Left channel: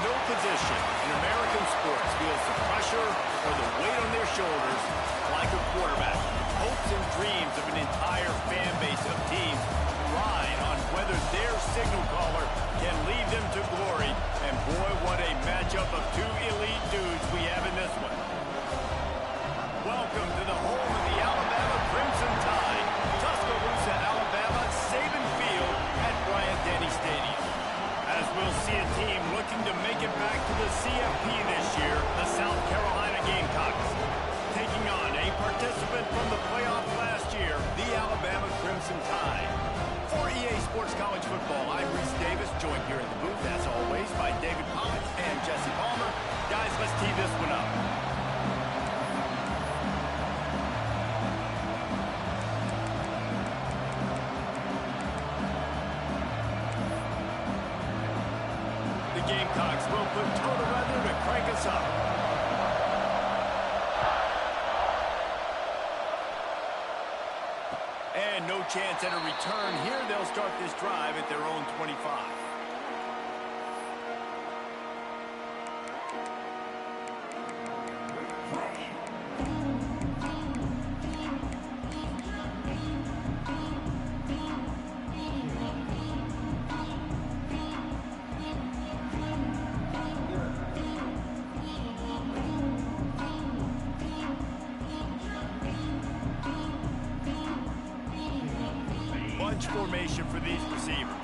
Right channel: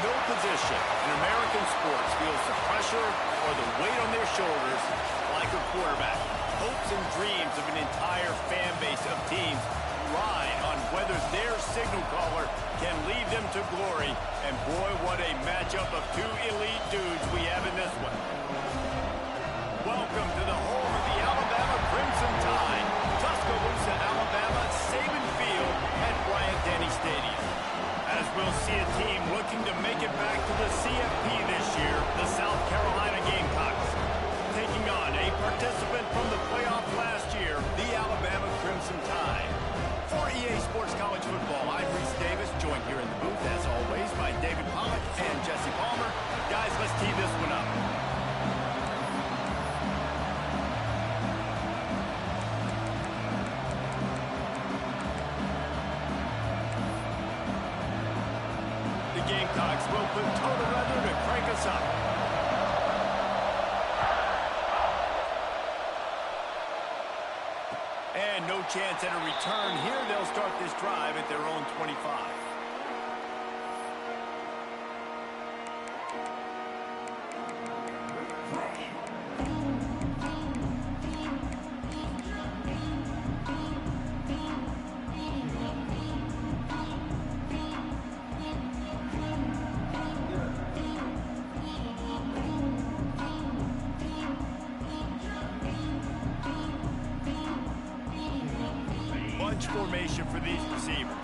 No position in American sports feels the pressure or the weight on their shoulders like a quarterback. Hopes and dreams of an entire fan base of teams ride on whether their signal caller can lead them to glory. And boy, what a matchup of two elite dudes we have in this one. Welcome to the home of the Alabama Crimson Tide, Tuscaloosa, Alabama, Saban Field at Bryant-Denny Stadium. As we'll see a team looking to make it back to the CFP this year, the South Carolina Gamecocks. Taking on a participant from the playoff last year, the Alabama Crimson Tide. For EA Sports College Football, I'm Reese Davis, joined here in the booth, as always, by David Pollack and Jesse Palmer. Guys, let's tee this one up. The Gamecocks will put toe together to crank us up. And no chance at a return here. They'll start this drive at their own 25. Formation for these receivers.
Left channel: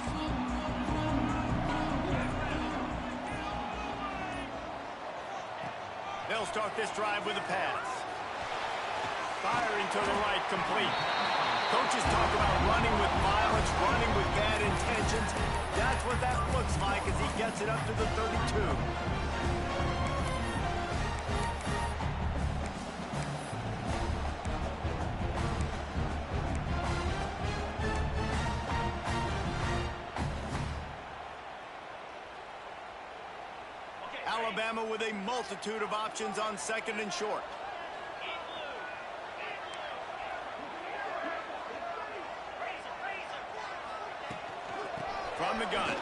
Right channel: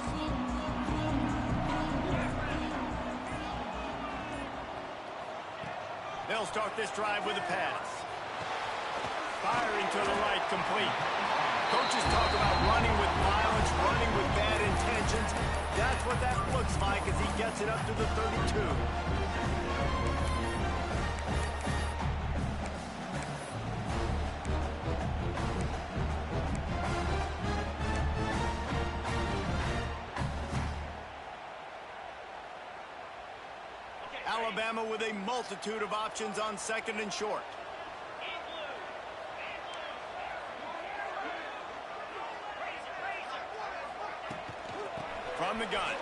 They'll start this drive with a pass. Firing to the right, complete. Coaches talk about running with violence, running with bad intentions. That's what that looks like as he gets it up to the 32. Alabama with a multitude of options on second and short. From the gun.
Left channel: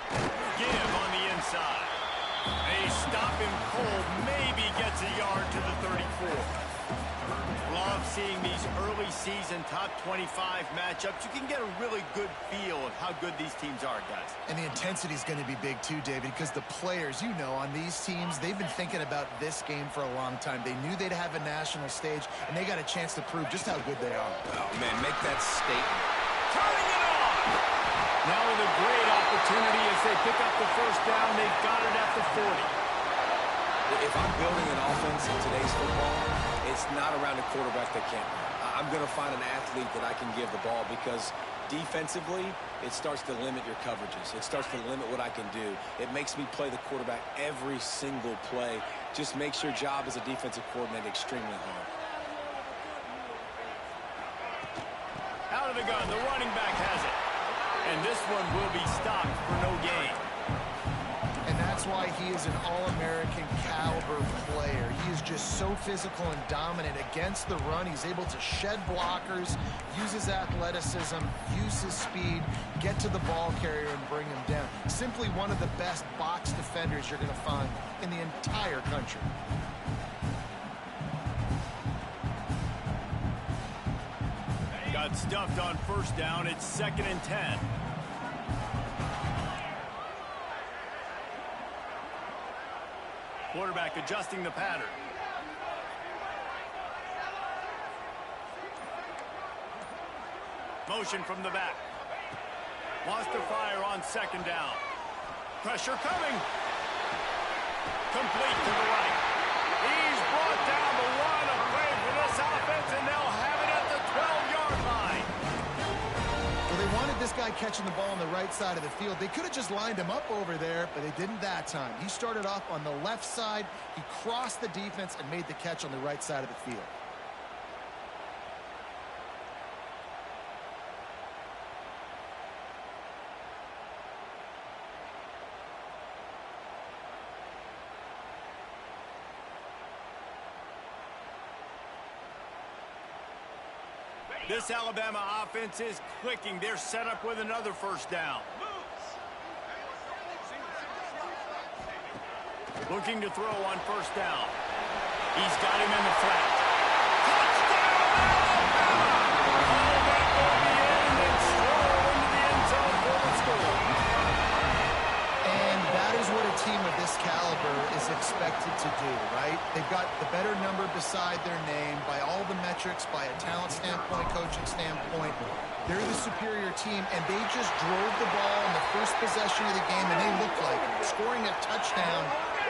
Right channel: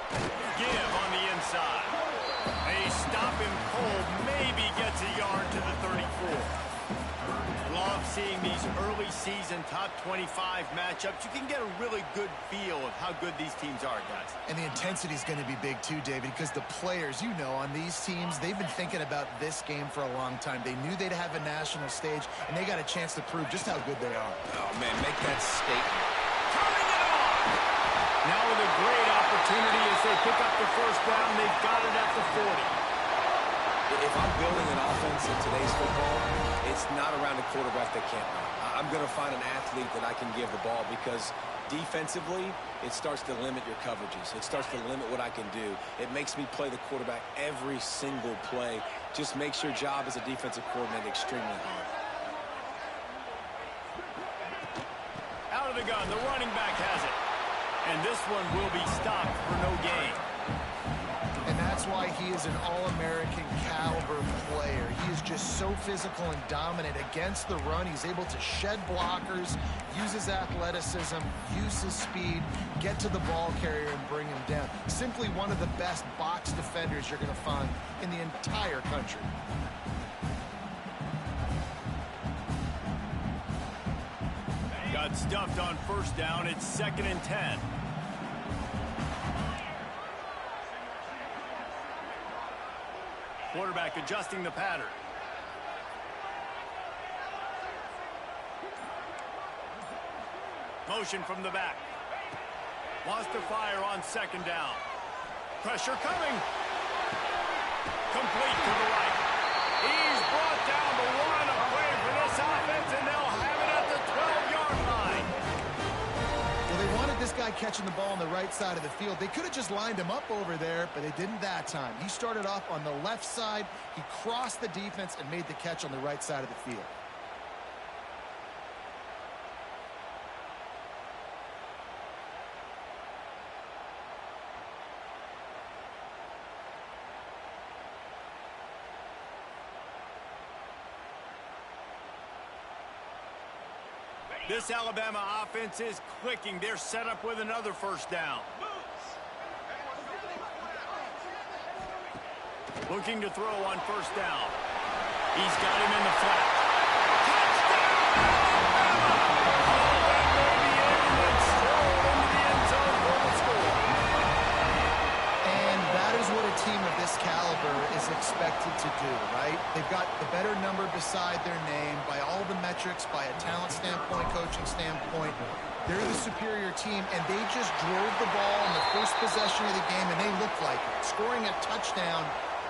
Give on the inside. They stop him cold. Maybe gets a yard to the 34. Love seeing these early season top 25 matchups. You can get a really good feel of how good these teams are, guys. And the intensity is going to be big too, David, because the players, you know, on these teams, they've been thinking about this game for a long time. They knew they'd have a national stage, and they got a chance to prove just how good they are. Oh, man, make that statement. Turning it on! Now with a great opportunity as they pick up the first down. They've got it at the 40. If I'm building an offense in today's football, it's not around a quarterback that can't run. I'm going to find an athlete that I can give the ball because defensively, it starts to limit your coverages. It starts to limit what I can do. It makes me play the quarterback every single play. Just makes your job as a defensive coordinator extremely hard. Out of the gun, the running back has it. And this one will be stopped for no gain. And that's why he is an all-American caliber player. He is just so physical and dominant against the run. He's able to shed blockers, use his athleticism, use his speed, get to the ball carrier and bring him down. Simply one of the best box defenders you're going to find in the entire country. Got stuffed on first down. It's 2nd and 10. Quarterback adjusting the pattern. Motion from the back. Wants to fire on 2nd down. Pressure coming. Complete to the right. He's brought down the one. A play for this offense, and they'll have it at the 12-yard line. Well, they wanted this guy catching the ball on the right side of the field. They could have just lined him up over there, but they didn't that time. He started off on the left side. He crossed the defense and made the catch on the right side of the field. This Alabama offense is clicking. They're set up with another first down. Looking to throw on first down. He's got him in the flat. Touchdown, Alabama! Oh, that baby in and then stroll into the end zone for the score. And that is what a team of this caliber is expected to do, right? They've got the better number beside their name by all the metrics, by a talent standpoint, coaching standpoint. They're the superior team, and they just drove the ball in the first possession of the game, and they looked like it, scoring a touchdown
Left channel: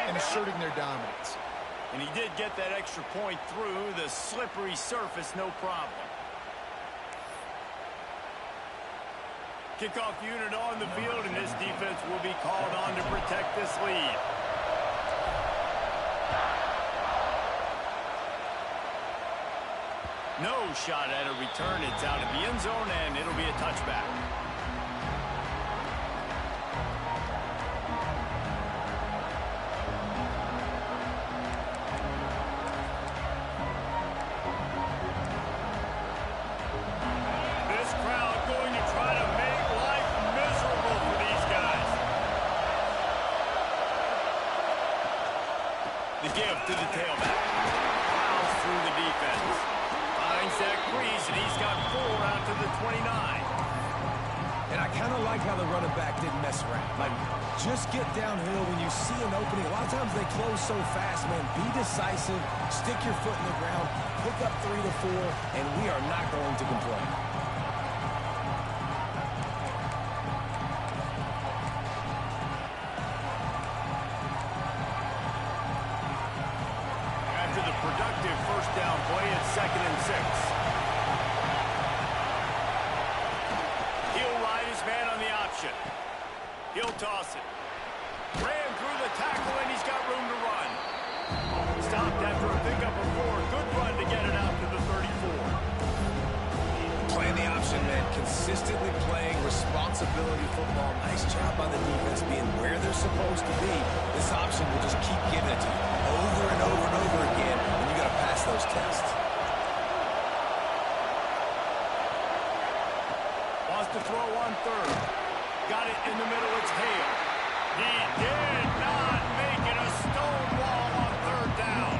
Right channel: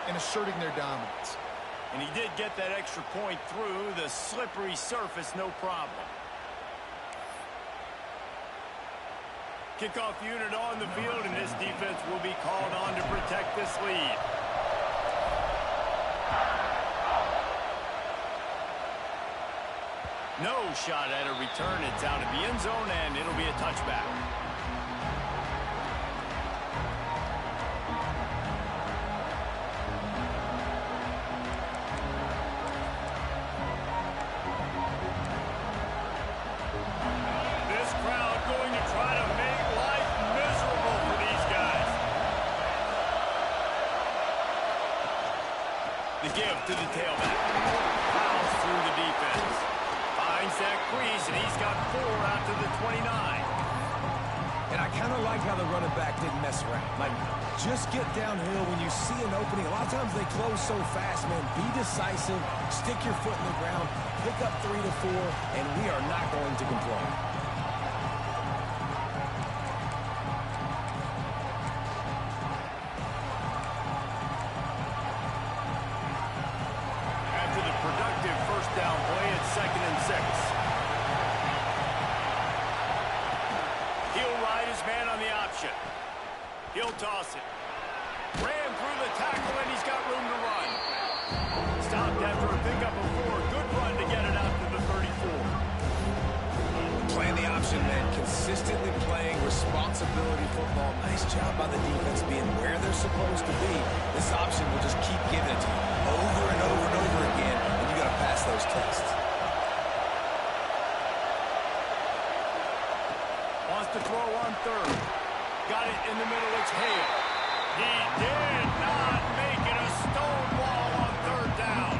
and asserting their dominance. And he did get that extra point through the slippery surface, no problem. Kickoff unit on the field, and this defense will be called on to protect this lead. No shot at a return. It's out of the end zone, and it'll be a touchback. This crowd going to try to make life miserable for these guys. The give to the tailback. Plows through the defense. Finds that crease, and he's got 4 out to the 29. And I kind of like how the running back didn't mess around. Like, just get downhill when you see an opening. A lot of times they close so fast, man. Be decisive, stick your foot in the ground, pick up 3 to 4, and we are not going to complain. After the productive first down play, it's 2nd and 6. He'll ride his man on the option. He'll toss it. Ran through the tackle, and he's got room to run. Stopped after a pickup of 4. Good run to get it out to the 34. Playing the option, man. Consistently playing responsibility football. Nice job by the defense being where they're supposed to be. This option will just keep giving it to you over and over and over again, and you got to pass those tests. Wants to throw on 3rd. Got it in the middle. It's Hale. He did not make it a stone wall on 3rd down.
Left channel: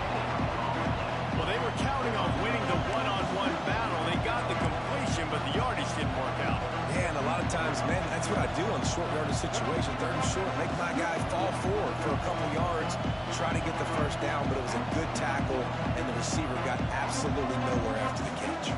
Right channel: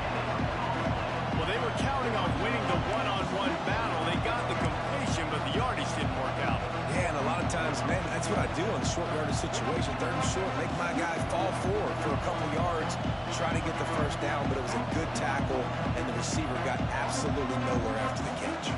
Well, they were counting on winning the one-on-one battle. They got the completion, but the yardage didn't work out. Yeah, and a lot of times, man, that's what I do on the short yardage situation. 3rd and short, make my guy fall forward for a couple yards, try to get the first down, but it was a good tackle, and the receiver got absolutely nowhere after the catch.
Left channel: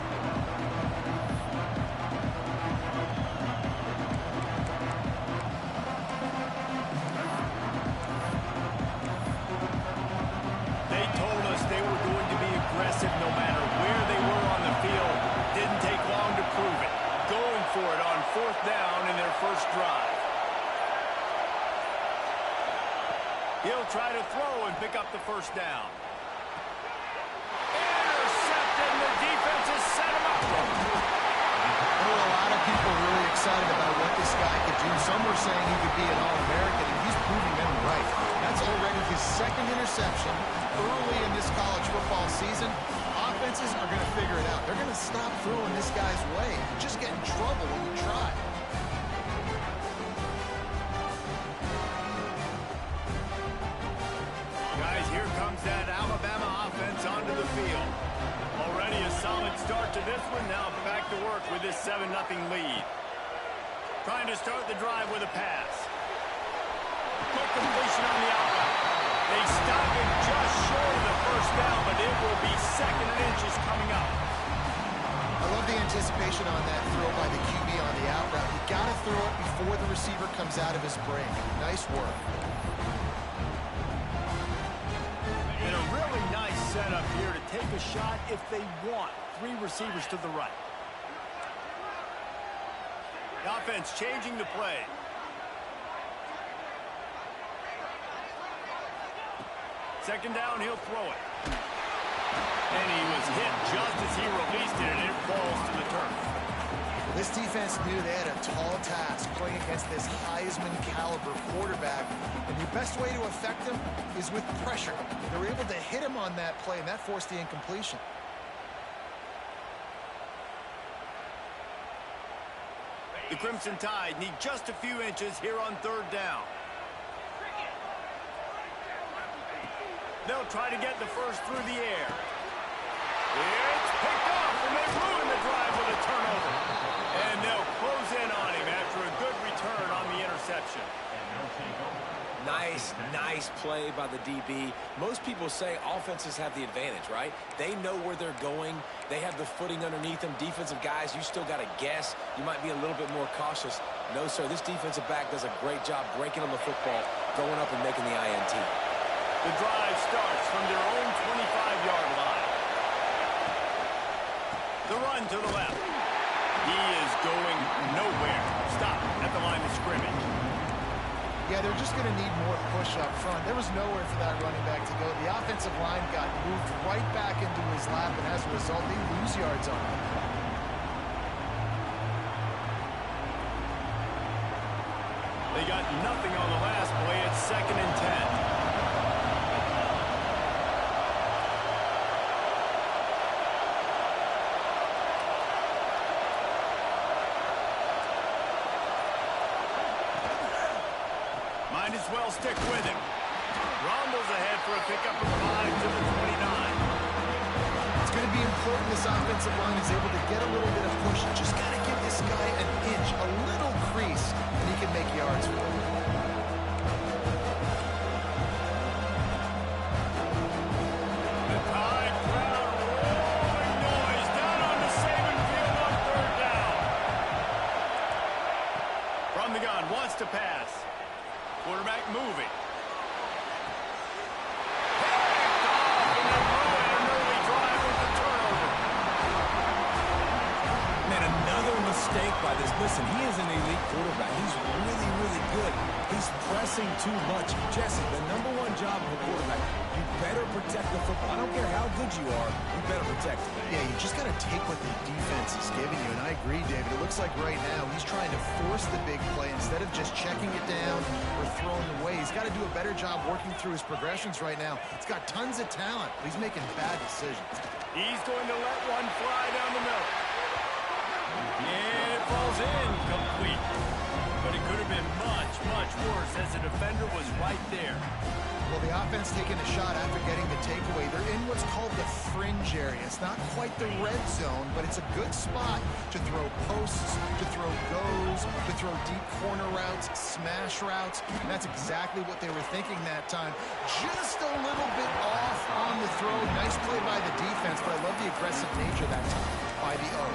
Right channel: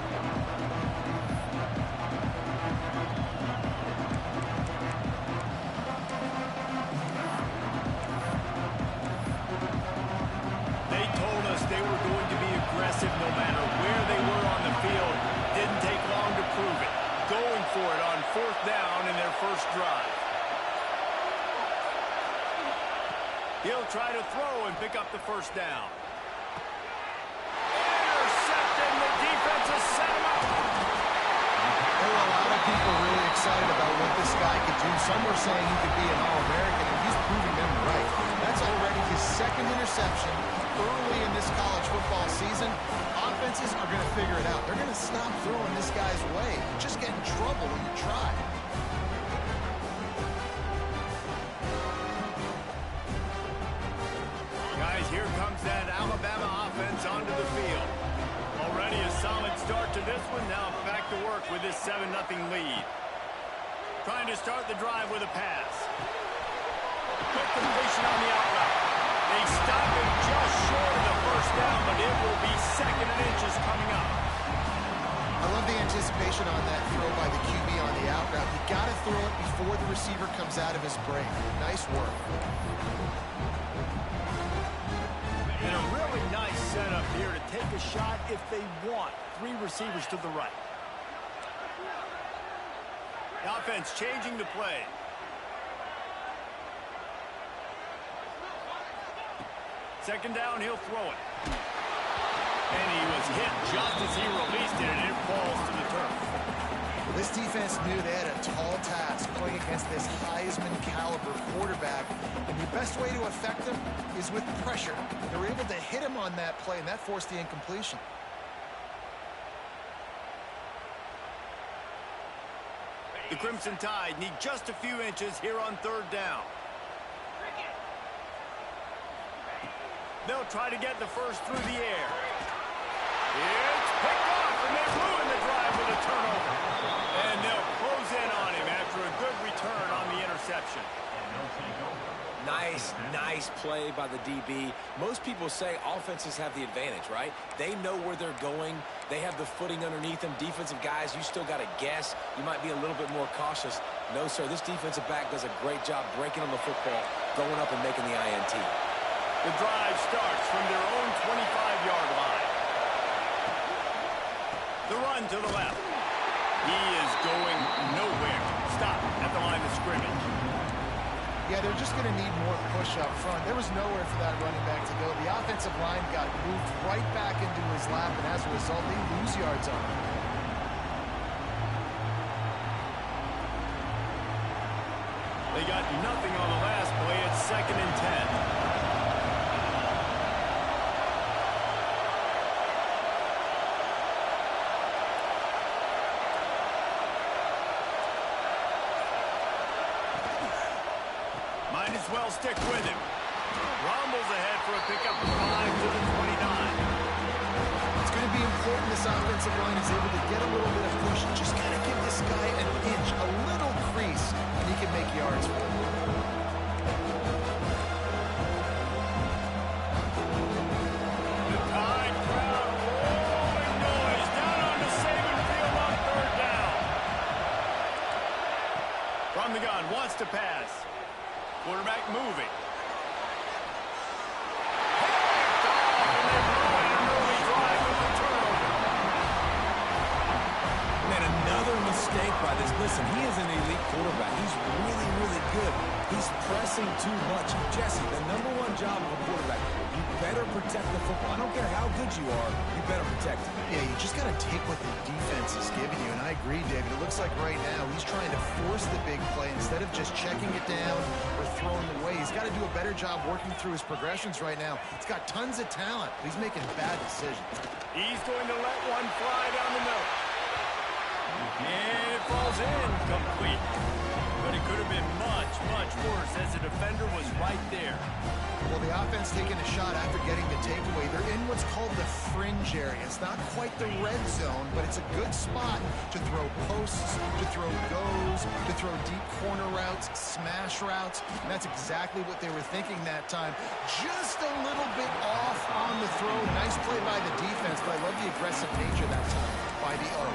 They were going to be aggressive no matter where they were on the field. Didn't take long to prove it. Going for it on 4th down in their first drive. He'll try to throw and pick up the first down. Intercepted, and the defense has set him up. There were a lot of people really excited about what this guy could do. Some were saying he could be an All-American, and he's proving them right. That's already his 2nd interception early in this college football season. Offenses are going to figure it out. They're going to stop throwing this guy's way. You just get in trouble when you try. Guys, here comes that Alabama offense onto the field. Already a solid start to this one. Now back to work with this 7-0 lead. Trying to start the drive with a pass. Quick completion on the out route. They stop him just short of the first down, but it will be 2nd and inches coming up. I love the anticipation on that throw by the QB on the out route. You got to throw it before the receiver comes out of his break. Nice work. And a really nice setup here to take a shot if they want. 3 receivers to the right. The offense changing the play. Second down, he'll throw it. And he was hit just as he released it, and it falls to the turf. This defense knew they had a tall task playing against this Heisman caliber quarterback, and the best way to affect him is with pressure. They were able to hit him on that play, and that forced the incompletion. The Crimson Tide need just a few inches here on 3rd down. They'll try to get the first through the air. It's picked off, and they ruin the drive with a turnover. And they'll close in on him after a good return on the interception. Nice play by the DB. Most people say offenses have the advantage, right? They know where they're going. They have the footing underneath them. Defensive guys, you still got to guess. You might be a little bit more cautious. No, sir, this defensive back does a great job breaking on the football, going up and making the INT. The drive starts from their own 25-yard line. The run to the left. He is going nowhere. Stop at the line of scrimmage. Yeah, they're just going to need more push up front. There was nowhere for that running back to go. The offensive line got moved right back into his lap, and as a result, they lose yards on him. They got nothing on the last play. It's 2nd and 10. Might as well stick with him. Rumbles ahead for a pickup of 5 to the 29. It's going to be important this offensive line is able to get a little bit of push. Just got to give this guy an inch, a little crease, and he can make yards for him. The Tide crowd rolling noise down on the Saban field on 3rd down. From the gun, wants to pass. Quarterback moving. Picked off, and they ruin an early drive with the turnover. Man, another mistake by this. Listen, he is an elite quarterback. He's really, really good. He's pressing too much. Jesse, the #1 job of a quarterback, you better protect the football. I don't care how good you are, you better protect it. Yeah, you just got to take what the defense is giving you, and I agree, David. It looks like right now he's trying to force the big play instead of just checking it down or throwing it away. He's got to do a better job working through his progressions right now. He's got tons of talent, but he's making bad decisions. He's going to let one fly down the middle. And it falls in complete. But it could have been much, much worse as the defender was right there. Well, the offense taking a shot after getting the takeaway. They're in what's called the fringe area. It's not quite the red zone, but it's a good spot to throw posts, to throw goes, to throw deep corner routes, smash routes. And that's exactly what they were thinking that time. Just a little bit off on the throw. Nice play by the defense, but I love the aggressive nature that time by the O.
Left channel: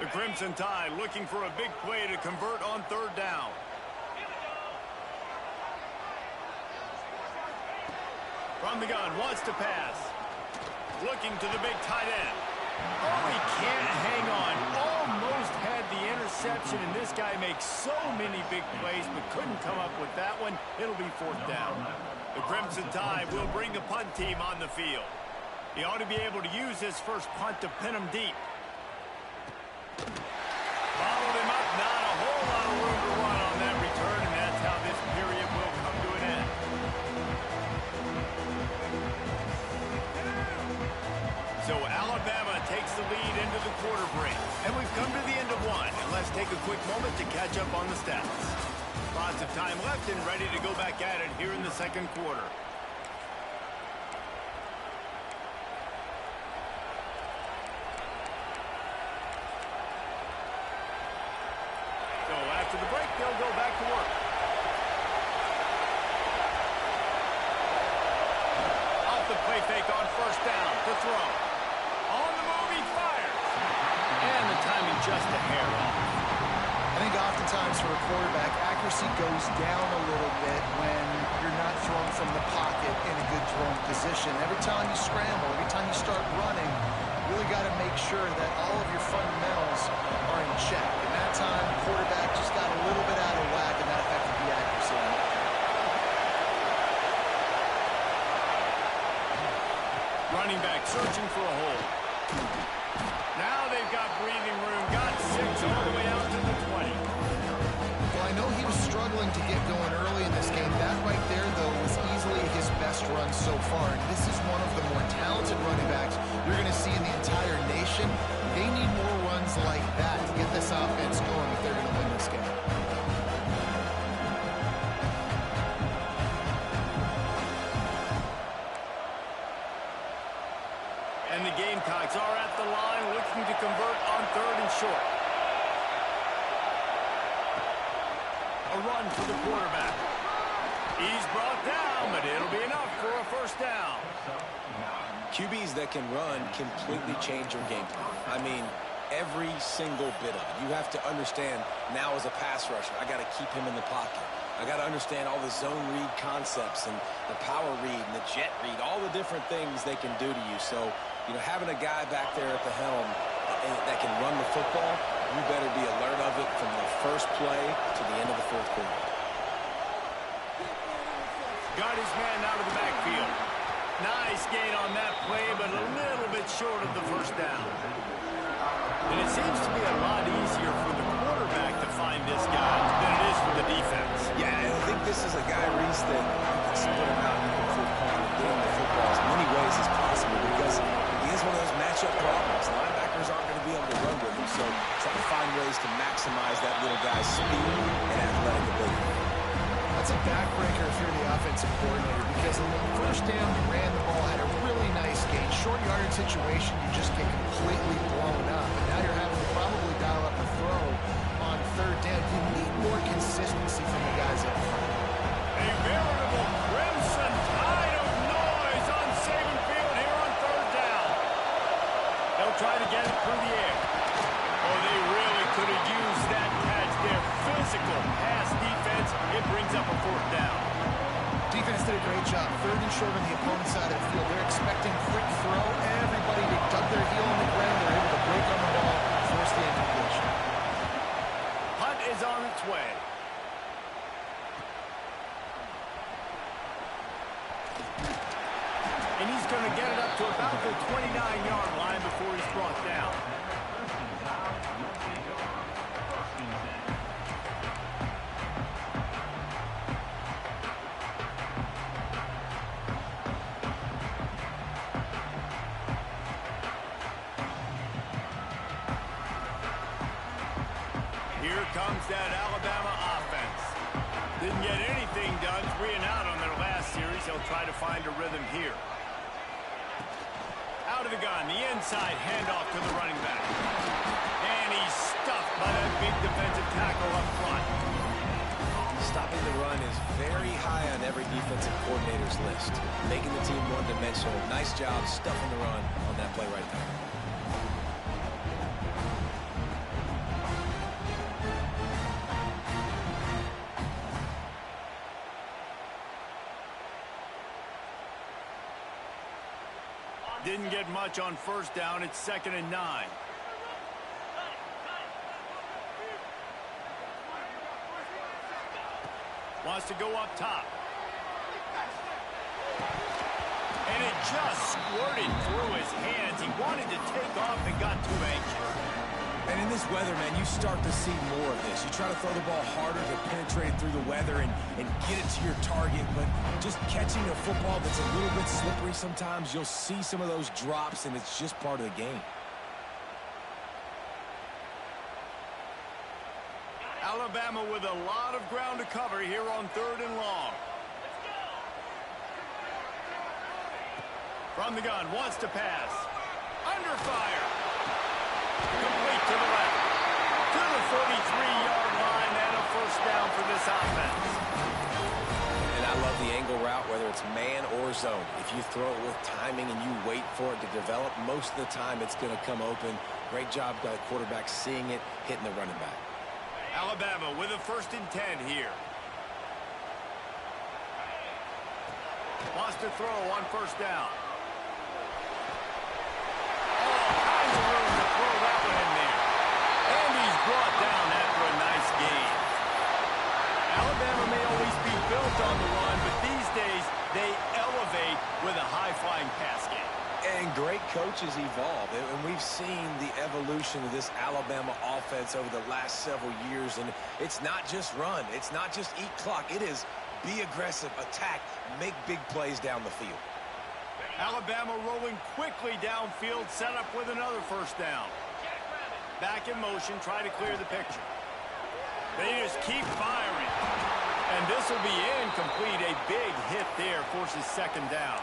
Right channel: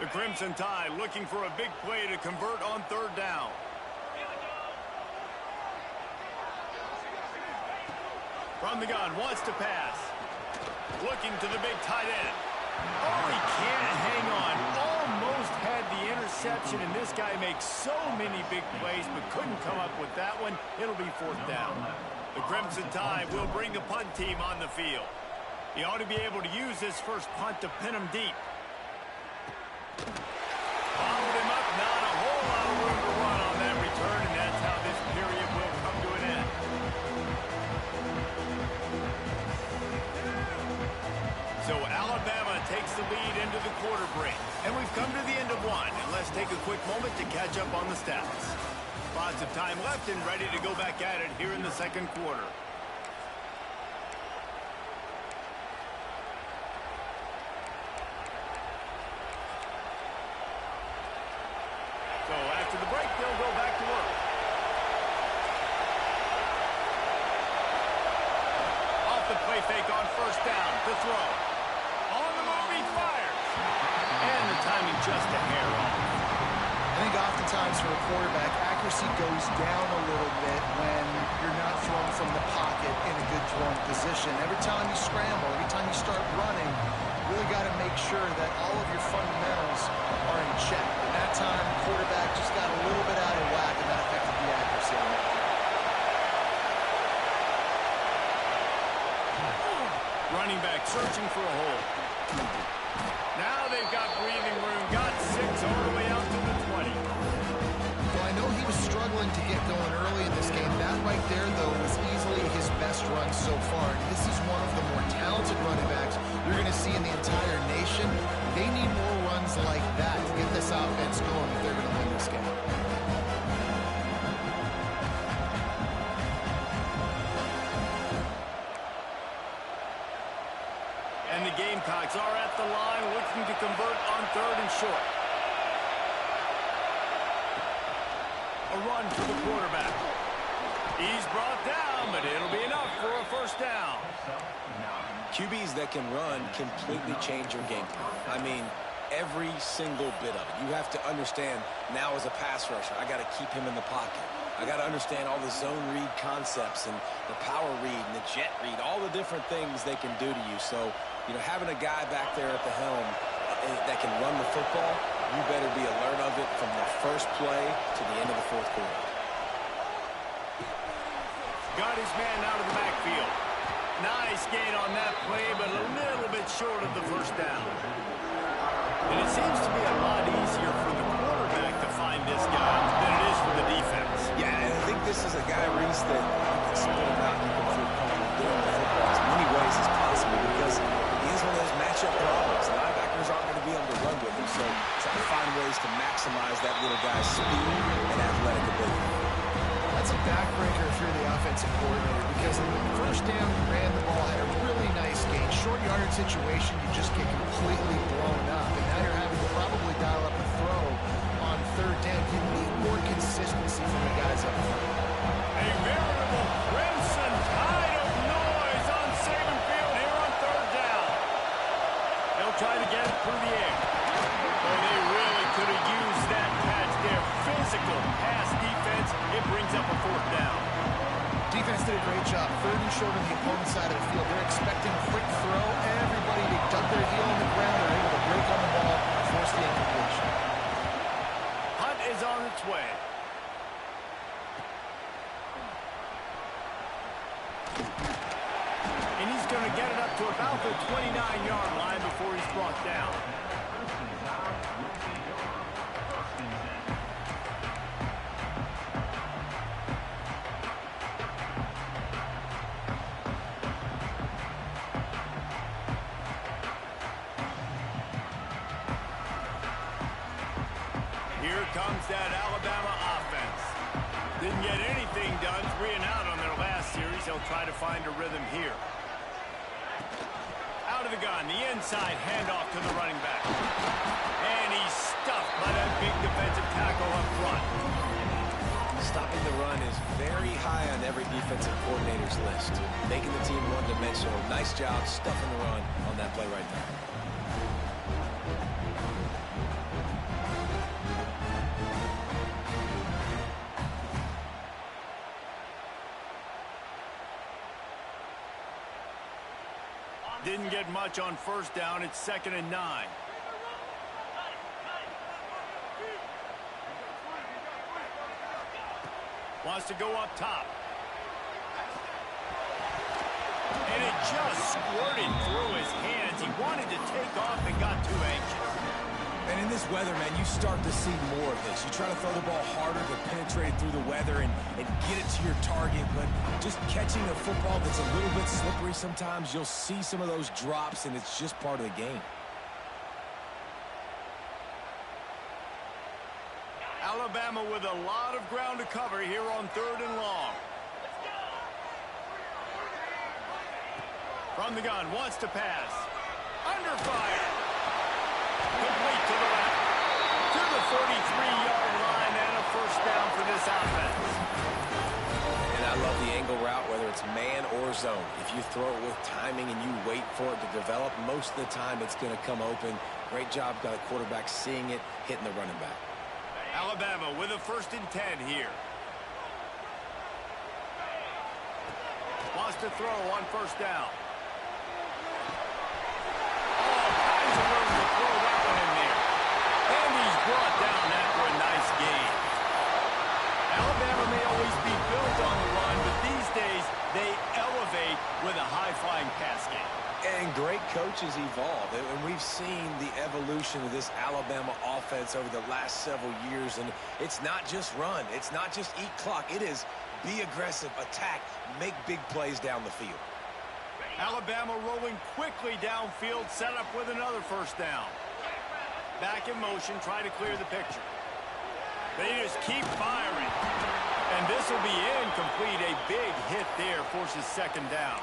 The Crimson Tide looking for a big play to convert on 3rd down. From the gun, wants to pass. Looking to the big tight end. Oh, he can't hang on. Almost had the interception, and this guy makes so many big plays, but couldn't come up with that one. It'll be 4th down. The Crimson Tide will bring the punt team on the field. He ought to be able to use his first punt to pin him deep. Followed him up, not a whole lot of room to run on that return, and that's how this period will come to an end. So Alabama takes the lead into the quarter break. And we've come to the end of one, and let's take a quick moment to catch up on the stats. Lots of time left and ready to go back at it here in the 2nd quarter. So after the break, they'll go back to work. Off the play fake on 1st down to throw. On the move, he fires. And the timing just a hair off. I think oftentimes for a quarterback, accuracy goes down a little bit when you're not throwing from the pocket in a good throwing position. Every time you scramble, every time you start running, you really got to make sure that all of your fundamentals are in check. And that time, the quarterback just got a little bit out of whack, and that affected the accuracy on that. Running back searching for a hole. Now they've got breathing room. Got 6 all the way out to the 20. Well, I know he was struggling to get going early in this game. That right there, though, was easily his best run so far. And this is one of the more talented running backs you're going to see in the entire nation. They need more runs like that to get this offense going if they're going to win this game. And the Gamecocks are at the line looking to convert on 3rd and short. A run for the quarterback. He's brought down, but it'll be enough for a first down. QBs that can run completely change your game plan. I mean, every single bit of it. You have to understand now as a pass rusher, I got to keep him in the pocket. I got to understand all the zone read concepts and the power read and the jet read, all the different things they can do to you. So, you know, having a guy back there at the helm that can run the football, you better be alert of it from the first play to the end of the 4th quarter. Got his man out of the backfield. Nice gain on that play, but a little bit short of the first down. And it seems to be a lot easier for the quarterback to find this guy than it is for the defense. Yeah, and I think this is a guy, Reese, that you can split him out and you can feel comfortable getting the football as many ways as possible because he is one of those matchup problems. The linebackers aren't going to be able to run with him, so try to find ways to maximize that little guy's speed and athletic ability. That's a backbreaker if you're the offensive coordinator because on the first down, you ran the ball, had a really nice gain. Short yardage situation, you just get completely blown up. And now you're having to probably dial up a throw on 3rd down. You need more consistency from the guys up front. A veritable crimson tide of noise on Saban Field here on 3rd down. They'll try to get it through the air. Oh, they really could have used that catch there. Physical pass defense. It brings up a 4th down. Defense did a great job. 3rd and short on the opponent's side of the field. They're expecting quick throw. Everybody, they dug their heel on the ground. They're able to break on the ball, force the incompletion. Hunt is on its way. And he's going to get it up to about the 29-yard line before he's brought down. Here comes that Alabama offense. Didn't get anything done 3 and out on their last series. They'll try to find a rhythm here. Out of the gun, the inside handoff to the running back. And he's stuffed by that big defensive tackle up front. Stopping the run is very high on every defensive coordinator's list. Making the team one-dimensional. Nice job stuffing the run on that play right there. Didn't get much on 1st down. It's 2nd and 9. Wants to go up top. And it just squirted through his hands. He wanted to take off and got too anxious. And in this weather, man, you start to see more of this. You try to throw the ball harder to penetrate through the weather and get it to your target, but just catching a football that's a little bit slippery sometimes, you'll see some of those drops, and it's just part of the game. Alabama with a lot of ground to cover here on 3rd and long. From the gun, wants to pass. Under fire. Complete to the left. To the 43-yard line and a first down for this offense. And I love the angle route, whether it's man or zone. If you throw it with timing and you wait for it to develop, most of the time it's going to come open. Great job by the quarterback seeing it, hitting the running back. Alabama with a 1st and 10 here. Wants to throw on 1st down. All kinds of room to throw that one in there. And he's brought down after a nice gain. Alabama may always be built on the run, but these days they elevate with a high-flying pass game. And great coaches evolve, and we've seen the evolution of this Alabama offense over the last several years, and it's not just run. It's not just eat clock. It is be aggressive, attack, make big plays down the field. Alabama rolling quickly downfield, set up with another first down. Back in motion, try to clear the picture. They just keep firing. And this will be incomplete. A big hit there forces second down.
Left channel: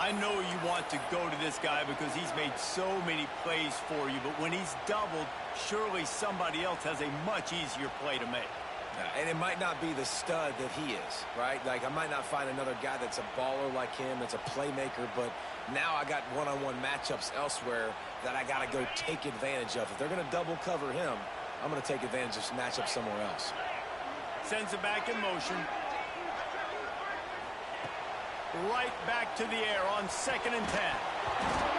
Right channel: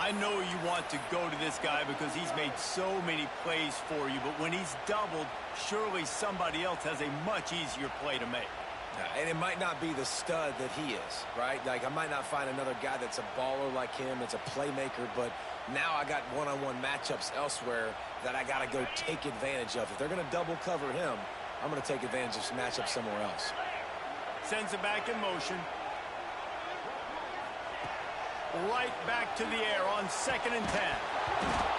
I know you want to go to this guy because he's made so many plays for you, but when he's doubled, surely somebody else has a much easier play to make. And it might not be the stud that he is, right? Like, I might not find another guy that's a baller like him, that's a playmaker, but now I got one-on-one matchups elsewhere that I got to go take advantage of. If they're going to double cover him, I'm going to take advantage of some matchup somewhere else. Sends it back in motion. Right back to the air on 2nd and 10.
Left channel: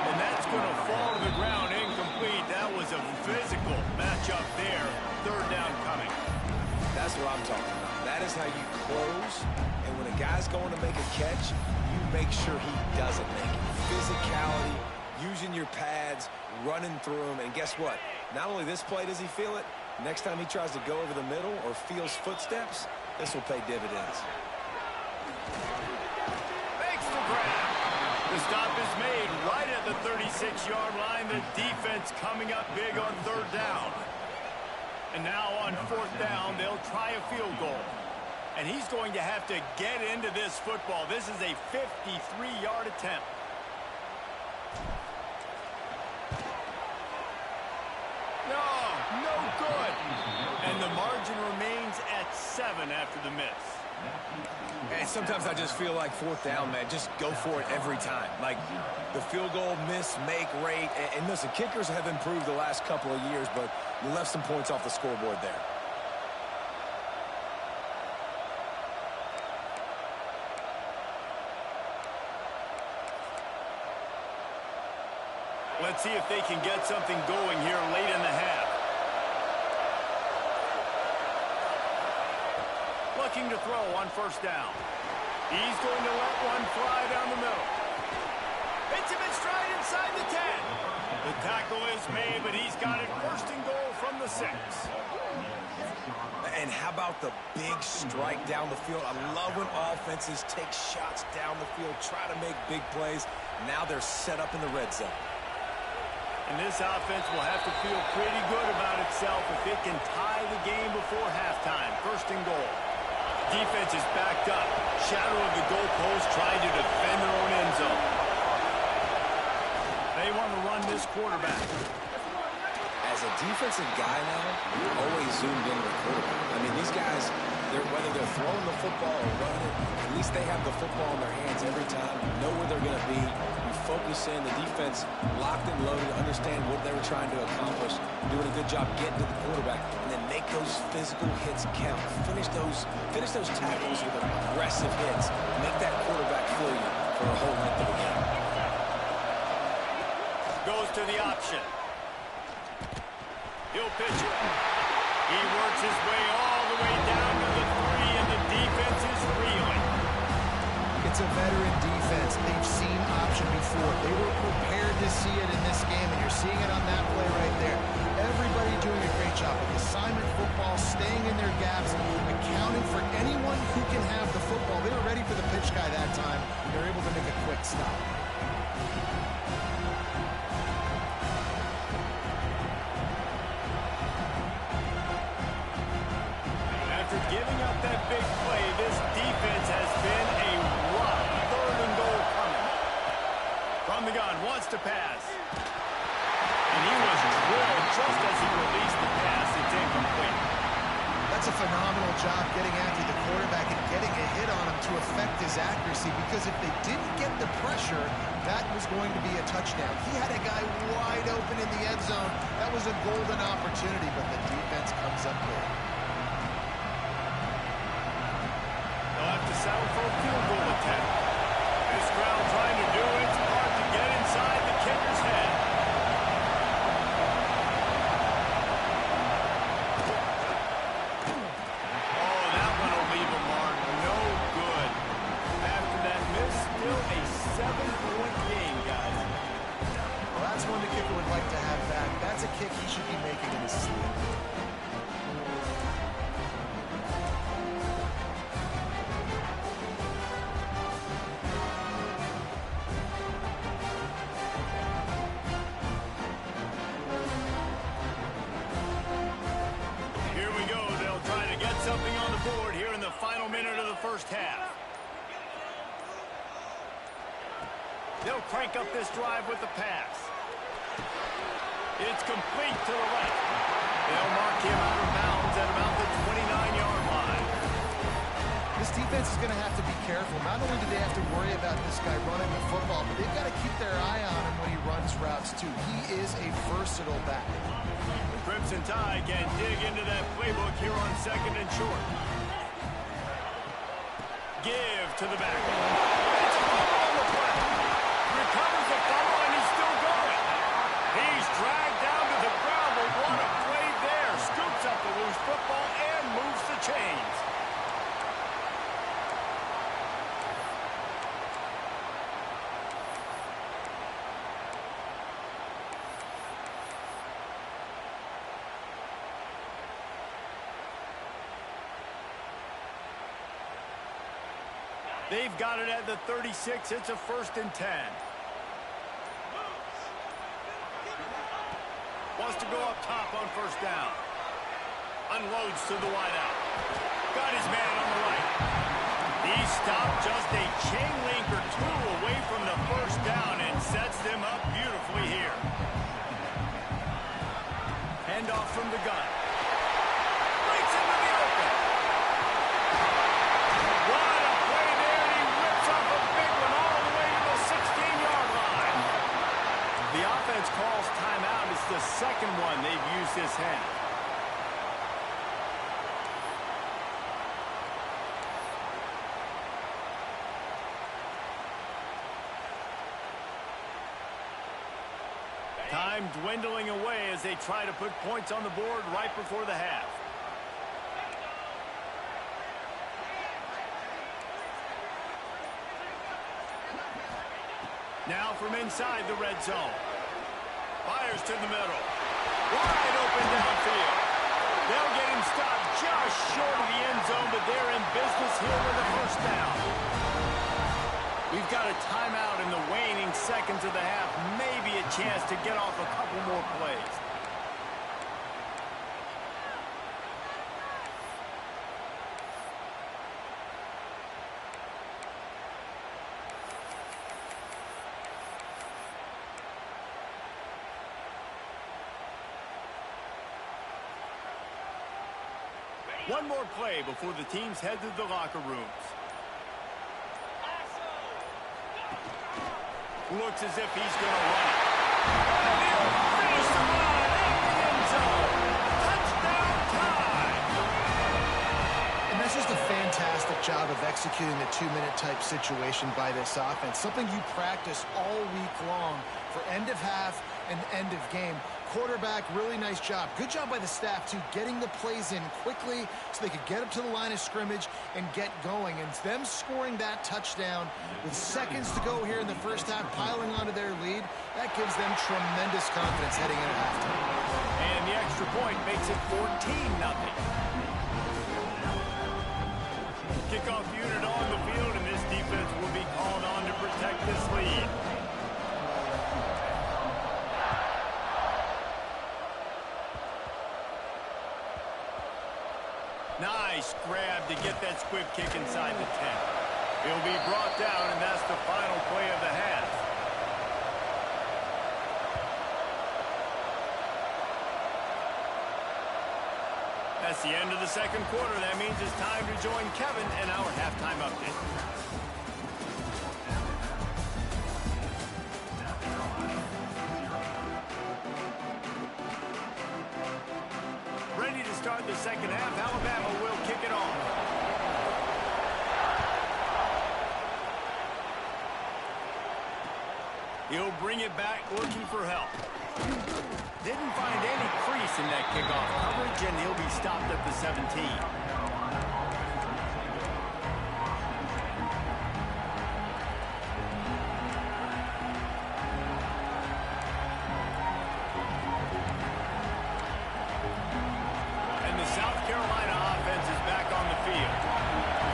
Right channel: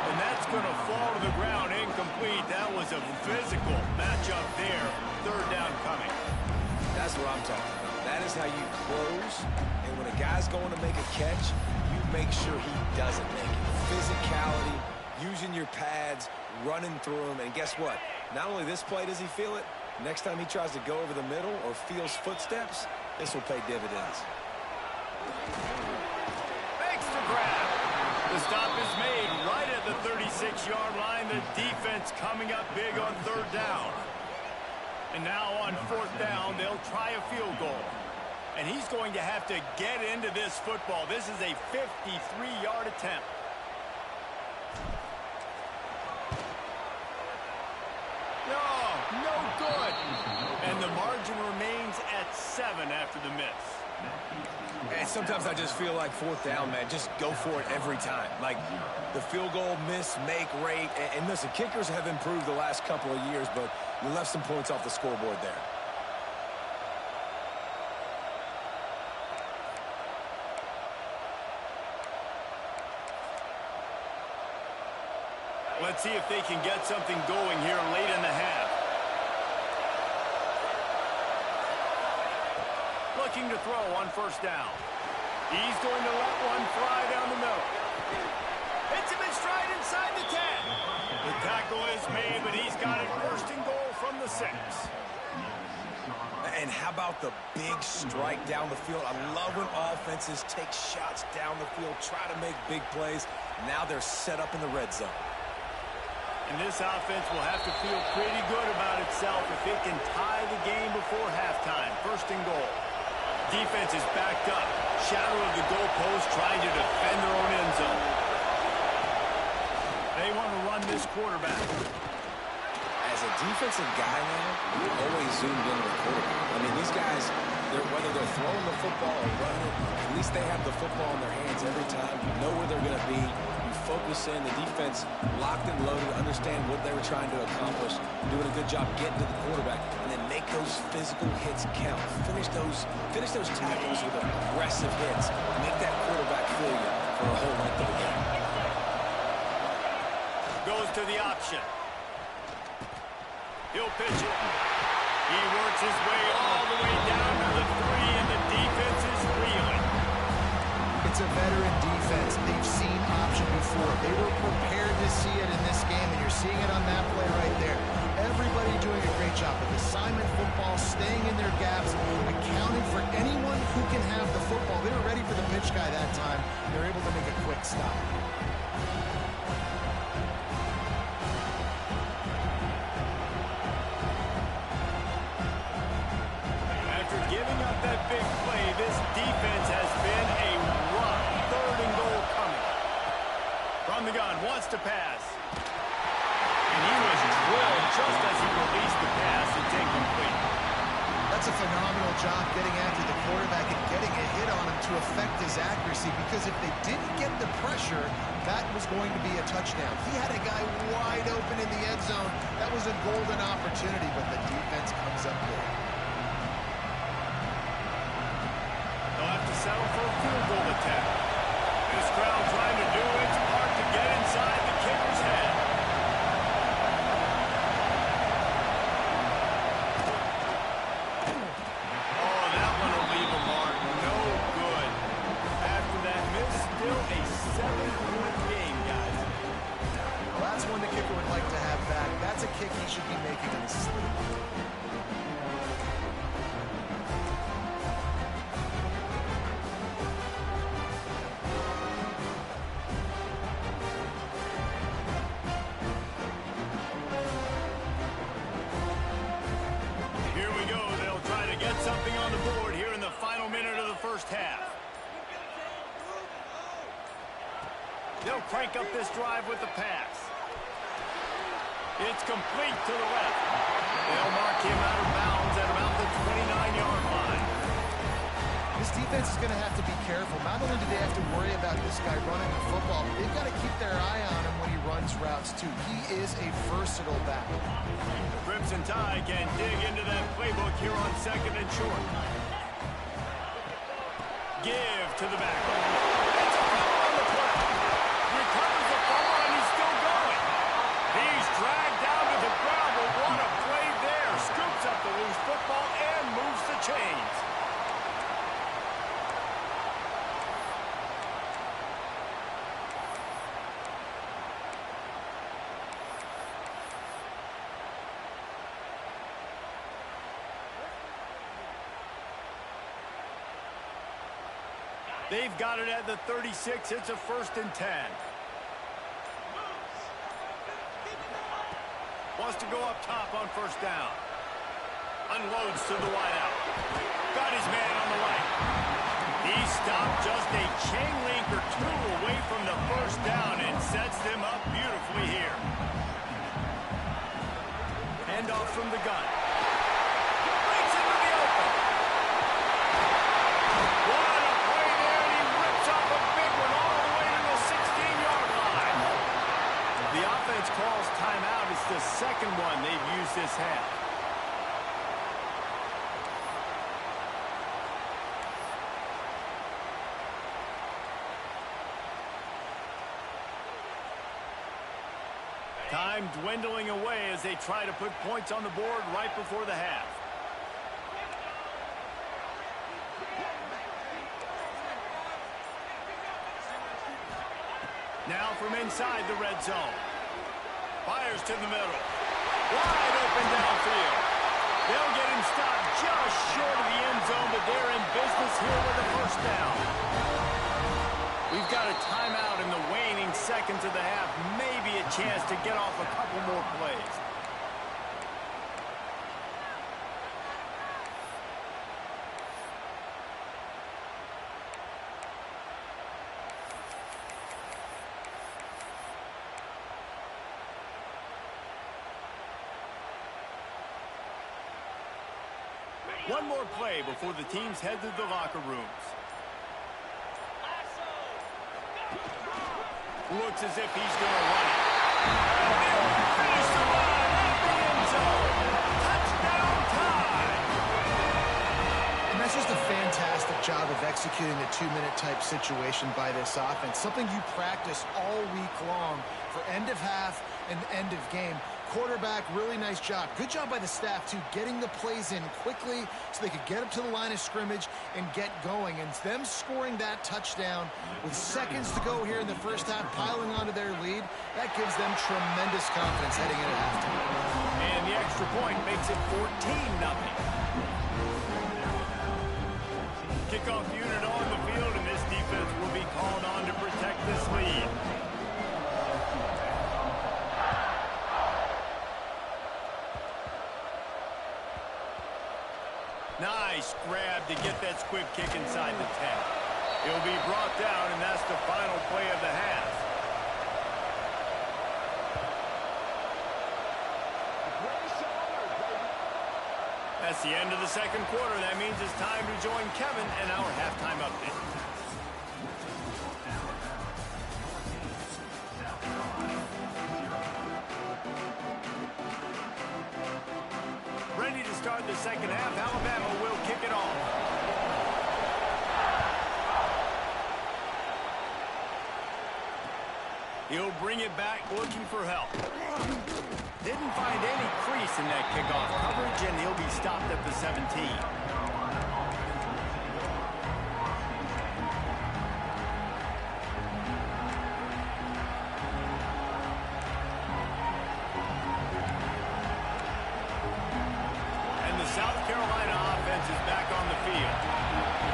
And that's going to fall to the ground incomplete. That was a physical matchup there. Third down coming. That's what I'm talking about. That is how you close. And when a guy's going to make a catch, you make sure he doesn't make it. Physicality, using your pads, running through them. And guess what? Not only this play does he feel it, next time he tries to go over the middle or feels footsteps, this will pay dividends. Grab. The stop is made right at the 36-yard line. The defense coming up big on third down. And now on 4th down, they'll try a field goal. And he's going to have to get into this football. This is a 53-yard attempt. No good. And the margin remains at 7 after the miss. And sometimes I just feel like 4th down, man, just go for it every time. Like the field goal miss, make rate. And listen, kickers have improved the last couple of years, but you left some points off the scoreboard there. Let's see if they can get something going here late in the half. Looking to throw on 1st down. He's going to let one fly down the middle. Hits him in stride inside the 10. The tackle is made, but he's got it 1st and goal from the 6. And how about the big strike down the field? I love when offenses take shots down the field, try to make big plays. Now they're set up in the red zone. And this offense will have to feel pretty good about itself if it can tie the game before halftime. 1st and goal. Defense is backed up. Shadow of the goalpost trying to defend their own end zone. They want to run this quarterback. As a defensive guy now, you're always zoomed into the quarterback. I mean, these guys, whether they're throwing the football or running it, at least they have the football in their hands every time. You know where they're going to be. You focus in. The defense locked and loaded, understand what they were trying to accomplish, doing a good job getting to the quarterback, and then make those physical hits count. Finish those tackles with aggressive hits. Make that quarterback feel you for a whole length of the game. Goes to the option. He'll pitch it. He works his way all the way down to the 3, and the defense is reeling. It's a veteran defense. They've seen option before. They were prepared to see it in this game, and you're seeing it on that play right there. Everybody doing a great job with assignment football, staying in their gaps, accounting for anyone who can have the football. They were ready for the pitch guy that time. They're able to make a quick stop. After giving up that big play, this defense has been a rock. 3rd and goal coming. From the gun, wants to pass. And he was drilled just as he released the pass. It's incomplete. That's a phenomenal job getting after the quarterback and getting a hit on him to affect his accuracy, because if they didn't get the pressure, that was going to be a touchdown. He had a guy wide open in the end zone. That was a golden opportunity, but the defense comes up big. They'll have to settle for a field goal attempt. This crowd trying to do its part to get inside the kicker's head. Oh, that one will leave a mark. No good. After that miss, still a 7-point game, guys. That's one the kicker would like to have back. That's a kick he should be making in his sleep. Here we go. They'll try to get something on the board here in the final minute of the first half. They'll crank up this drive with the pass. It's complete to the left. They'll mark him out of bounds at about the 29-yard line. This defense is going to have to be careful. Not only do they have to worry about this guy running the football, but they've got to keep their eye on him when he runs routes, too. He is a versatile back. The Crimson Tide can dig into that playbook here on second and short. Give to the back. It's a fumble on the play. Recovers the fumble, and he's still going. He's dragged down to the ground, but what a play there. Scoops up the loose football and moves the chains. They've got it at the 36. It's a 1st and 10. Wants to go up top on 1st down. Unloads to the wideout. Got his man on the right. He stopped just a chain link or two away from the 1st down and sets them up beautifully here. Handoff from the gun. Breaks into the open. What a play there, and he rips off a big one all the way to the 16-yard line. The offense calls timeout. It's the second one they've used this half. Time dwindling away as they try to put points on the board right before the half. Now from inside the red zone. Fires to the middle. Wide open downfield. They'll get him stopped just short of the end zone, but they're in business here with a 1st down. We've got a timeout in the waning seconds of the half. Maybe a chance to get off a couple more plays. One more play before the teams head to the locker rooms. Looks as if he's going to run it. And he'll finish the run at the end zone. Touchdown time. And that's just a fantastic job of executing a 2-minute type situation by this offense. Something you practice all week long for end of half and end of game. Quarterback, really nice job. Good job by the staff, too, getting the plays in quickly so they could get up to the line of scrimmage and get going. And them scoring that touchdown with seconds to go here in the first half, piling onto their lead, that gives them tremendous confidence heading into halftime. And the extra point makes it 14-0. Kickoff unit on the field, and this defense will be called on to protect this lead. Nice grab to get that squib kick inside the 10. He'll be brought down, and that's the final play of the half. That's the end of the second quarter. That means it's time to join Kevin and our halftime update. Ready to start the second half. Alabama will kick it off. He'll bring it back, looking for help. Didn't find any crease in that kickoff coverage, and he'll be stopped at the 17. South Carolina offense is back on the field.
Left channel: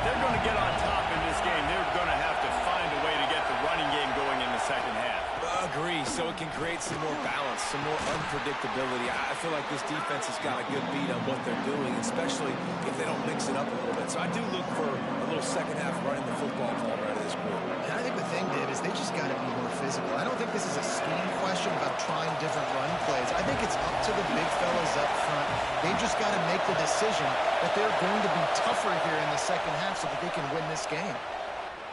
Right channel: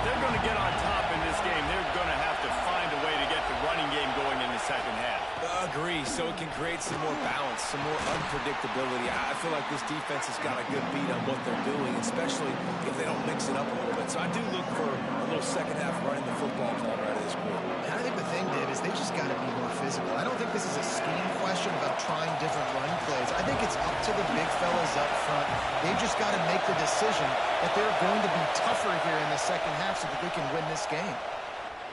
If they're going to get on top in this game, they're going to have to find a way to get the running game going in the second half. Agree, so it can create some more balance, some more unpredictability. I feel like this defense has got a good beat on what they're doing, especially if they don't mix it up a little bit. So I do look for a little second half running the football ball right of this quarter. And I think the thing, Dave, is they just got to be more physical. I don't think this is a scheme question about trying different run plays. I think it's up to the big fellas up front. They've just got to make the decision that they're going to be tougher here in the second half so that they can win this game.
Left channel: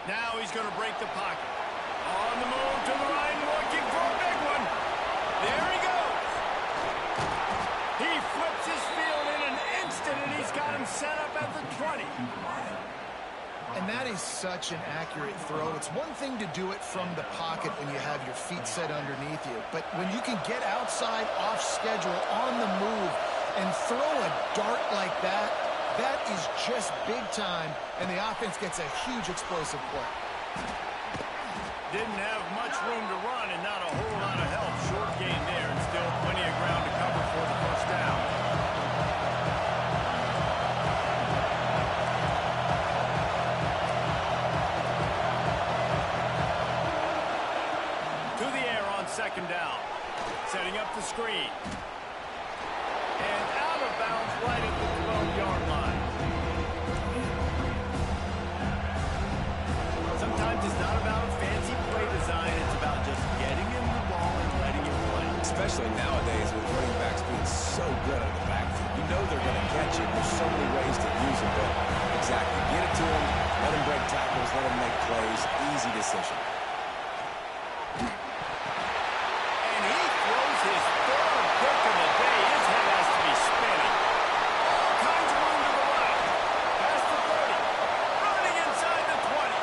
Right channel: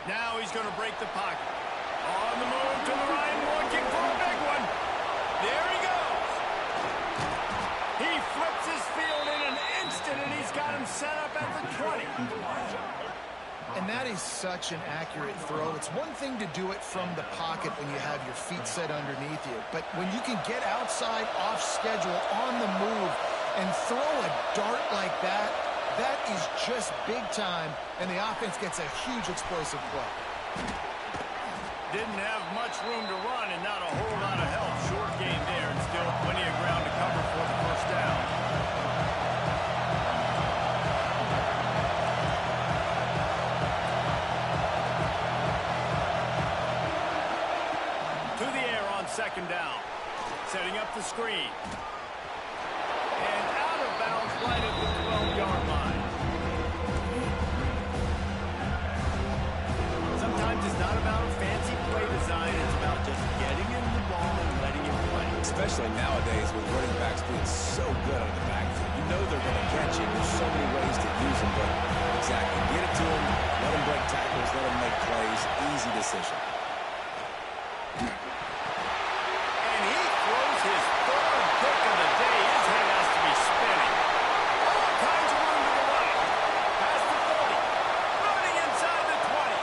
Now he's going to break the pocket. On the move to the right, looking for a big one. There he goes. He flips his field in an instant, and he's got him set up at the 20. And that is such an accurate throw. It's one thing to do it from the pocket when you have your feet set underneath you, but when you can get outside, off schedule, on the move, and throw a dart like that, that is just big time, and the offense gets a huge explosive play. Didn't have much room to run and not a whole lot of help. Short game there and still plenty of ground to cover for the first down. To the air on second down. Setting up the screen. And out of bounds right at the 12-yard line. Sometimes it's not about a fancy play design. It's about just getting him the ball and letting him play. Especially nowadays with running backs being so good out of the backfield. You know they're going to catch it. There's so many ways to use them, but exactly. Get it to them, let them break tackles, let them make plays. Easy decision. And he throws his third pick of the day. His head has to be spinning. All kinds of room to the right. Past the 30. Running inside the 20.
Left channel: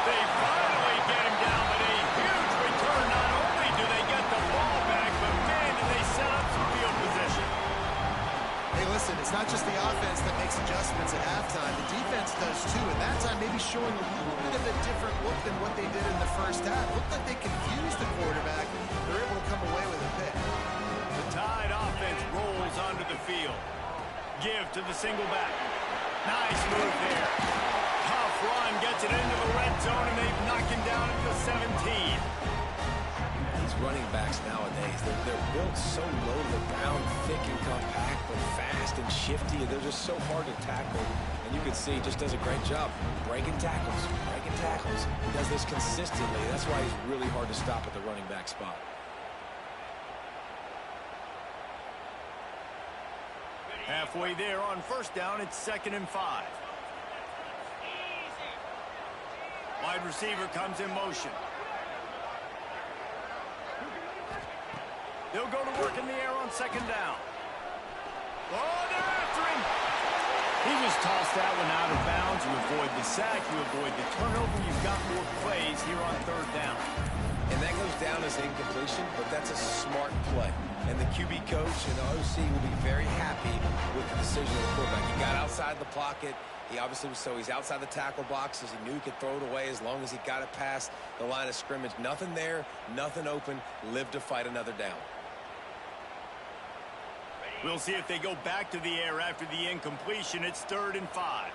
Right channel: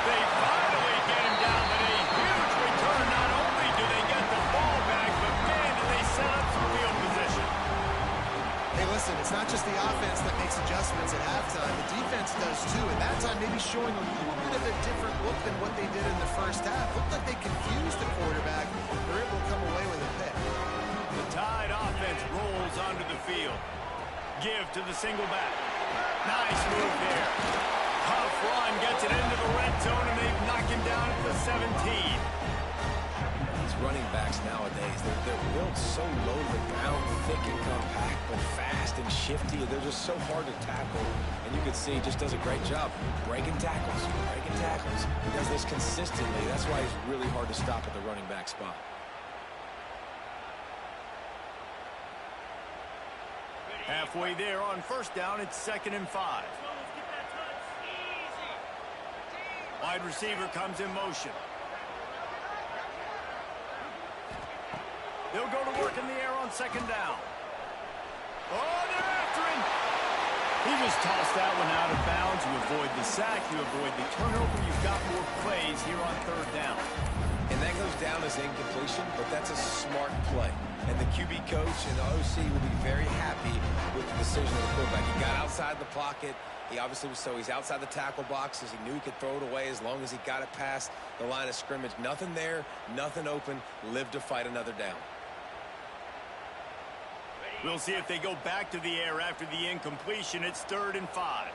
They finally get him down, but a huge return. Not only do they get the ball back, but man, do they set up some field position. Hey, listen, it's not just the offense that makes adjustments at halftime. The defense does too, and that time maybe showing a little bit of a different look than what they did in the first half. Looked like they confused the quarterback. They're able to come away with a pick. The Tide offense rolls onto the field. Give to the single back. Nice move there. Tough run, gets it into the red zone, and they knock him down at the 17. These running backs nowadays, they're built so low to the ground, thick and compact, but fast and shifty. They're just so hard to tackle. And you can see he just does a great job breaking tackles, breaking tackles. He does this consistently. That's why he's really hard to stop at the running back spot. Halfway there on first down, it's 2nd and 5. Wide receiver comes in motion. They'll go to work in the air on 2nd down. Oh, they're after him. He just tossed that one out of bounds. You avoid the sack, you avoid the turnover. You've got more plays here on 3rd down. And that goes down as incompletion, but that's a smart play. And the QB coach and the OC will be very happy with the decision of the quarterback. He got outside the pocket. He obviously was he's outside the tackle boxes. He knew he could throw it away as long as he got it past the line of scrimmage. Nothing there, nothing open. Live to fight another down. We'll see if they go back to the air after the incompletion. It's 3rd and 5.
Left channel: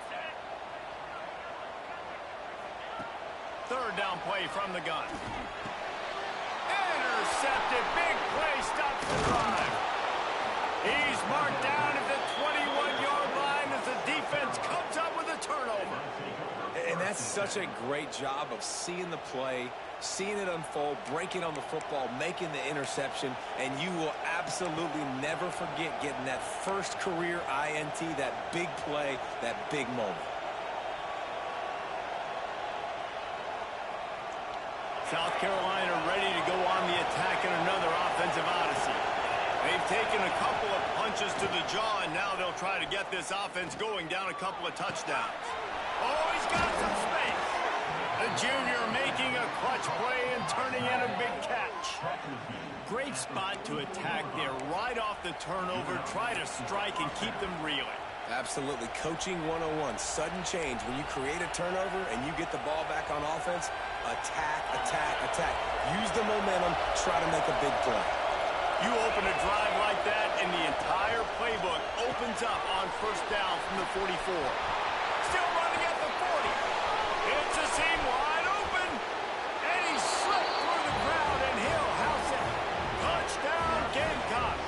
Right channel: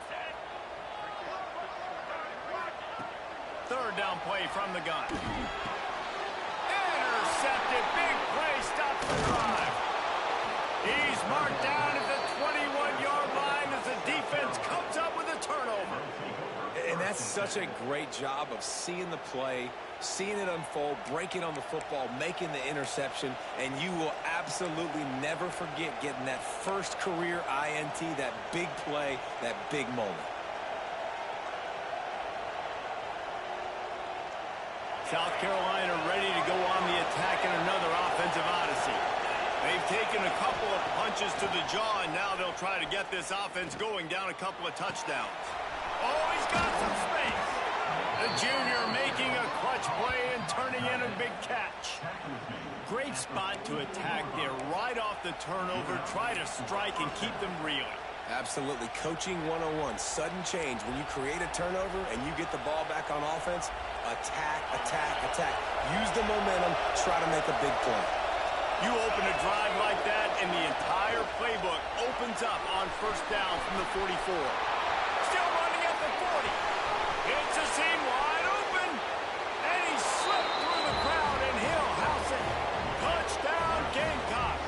3rd down play from the gun. Intercepted. Big play. Stops the drive. He's marked down at the 21-yard line as the defense comes up with a turnover. And that's such a great job of seeing the play, seeing it unfold, breaking on the football, making the interception, and you will absolutely never forget getting that first career INT, that big play, that big moment. South Carolina ready to go on the attack in another offensive odyssey. They've taken a couple of punches to the jaw, and now they'll try to get this offense going down a couple of touchdowns. Oh, he's got some space. The junior making a clutch play and turning in a big catch. Great spot to attack there right off the turnover. Try to strike and keep them reeling. Absolutely. Coaching 101. Sudden change. When you create a turnover and you get the ball back on offense, attack, attack, attack. Use the momentum. Try to make a big play. You open a drive like that, and the entire playbook opens up on first down from the 44. Still running at the 40. It's a seam wide open, and he slipped through the crowd, and he'll house it. Touchdown, Gamecock.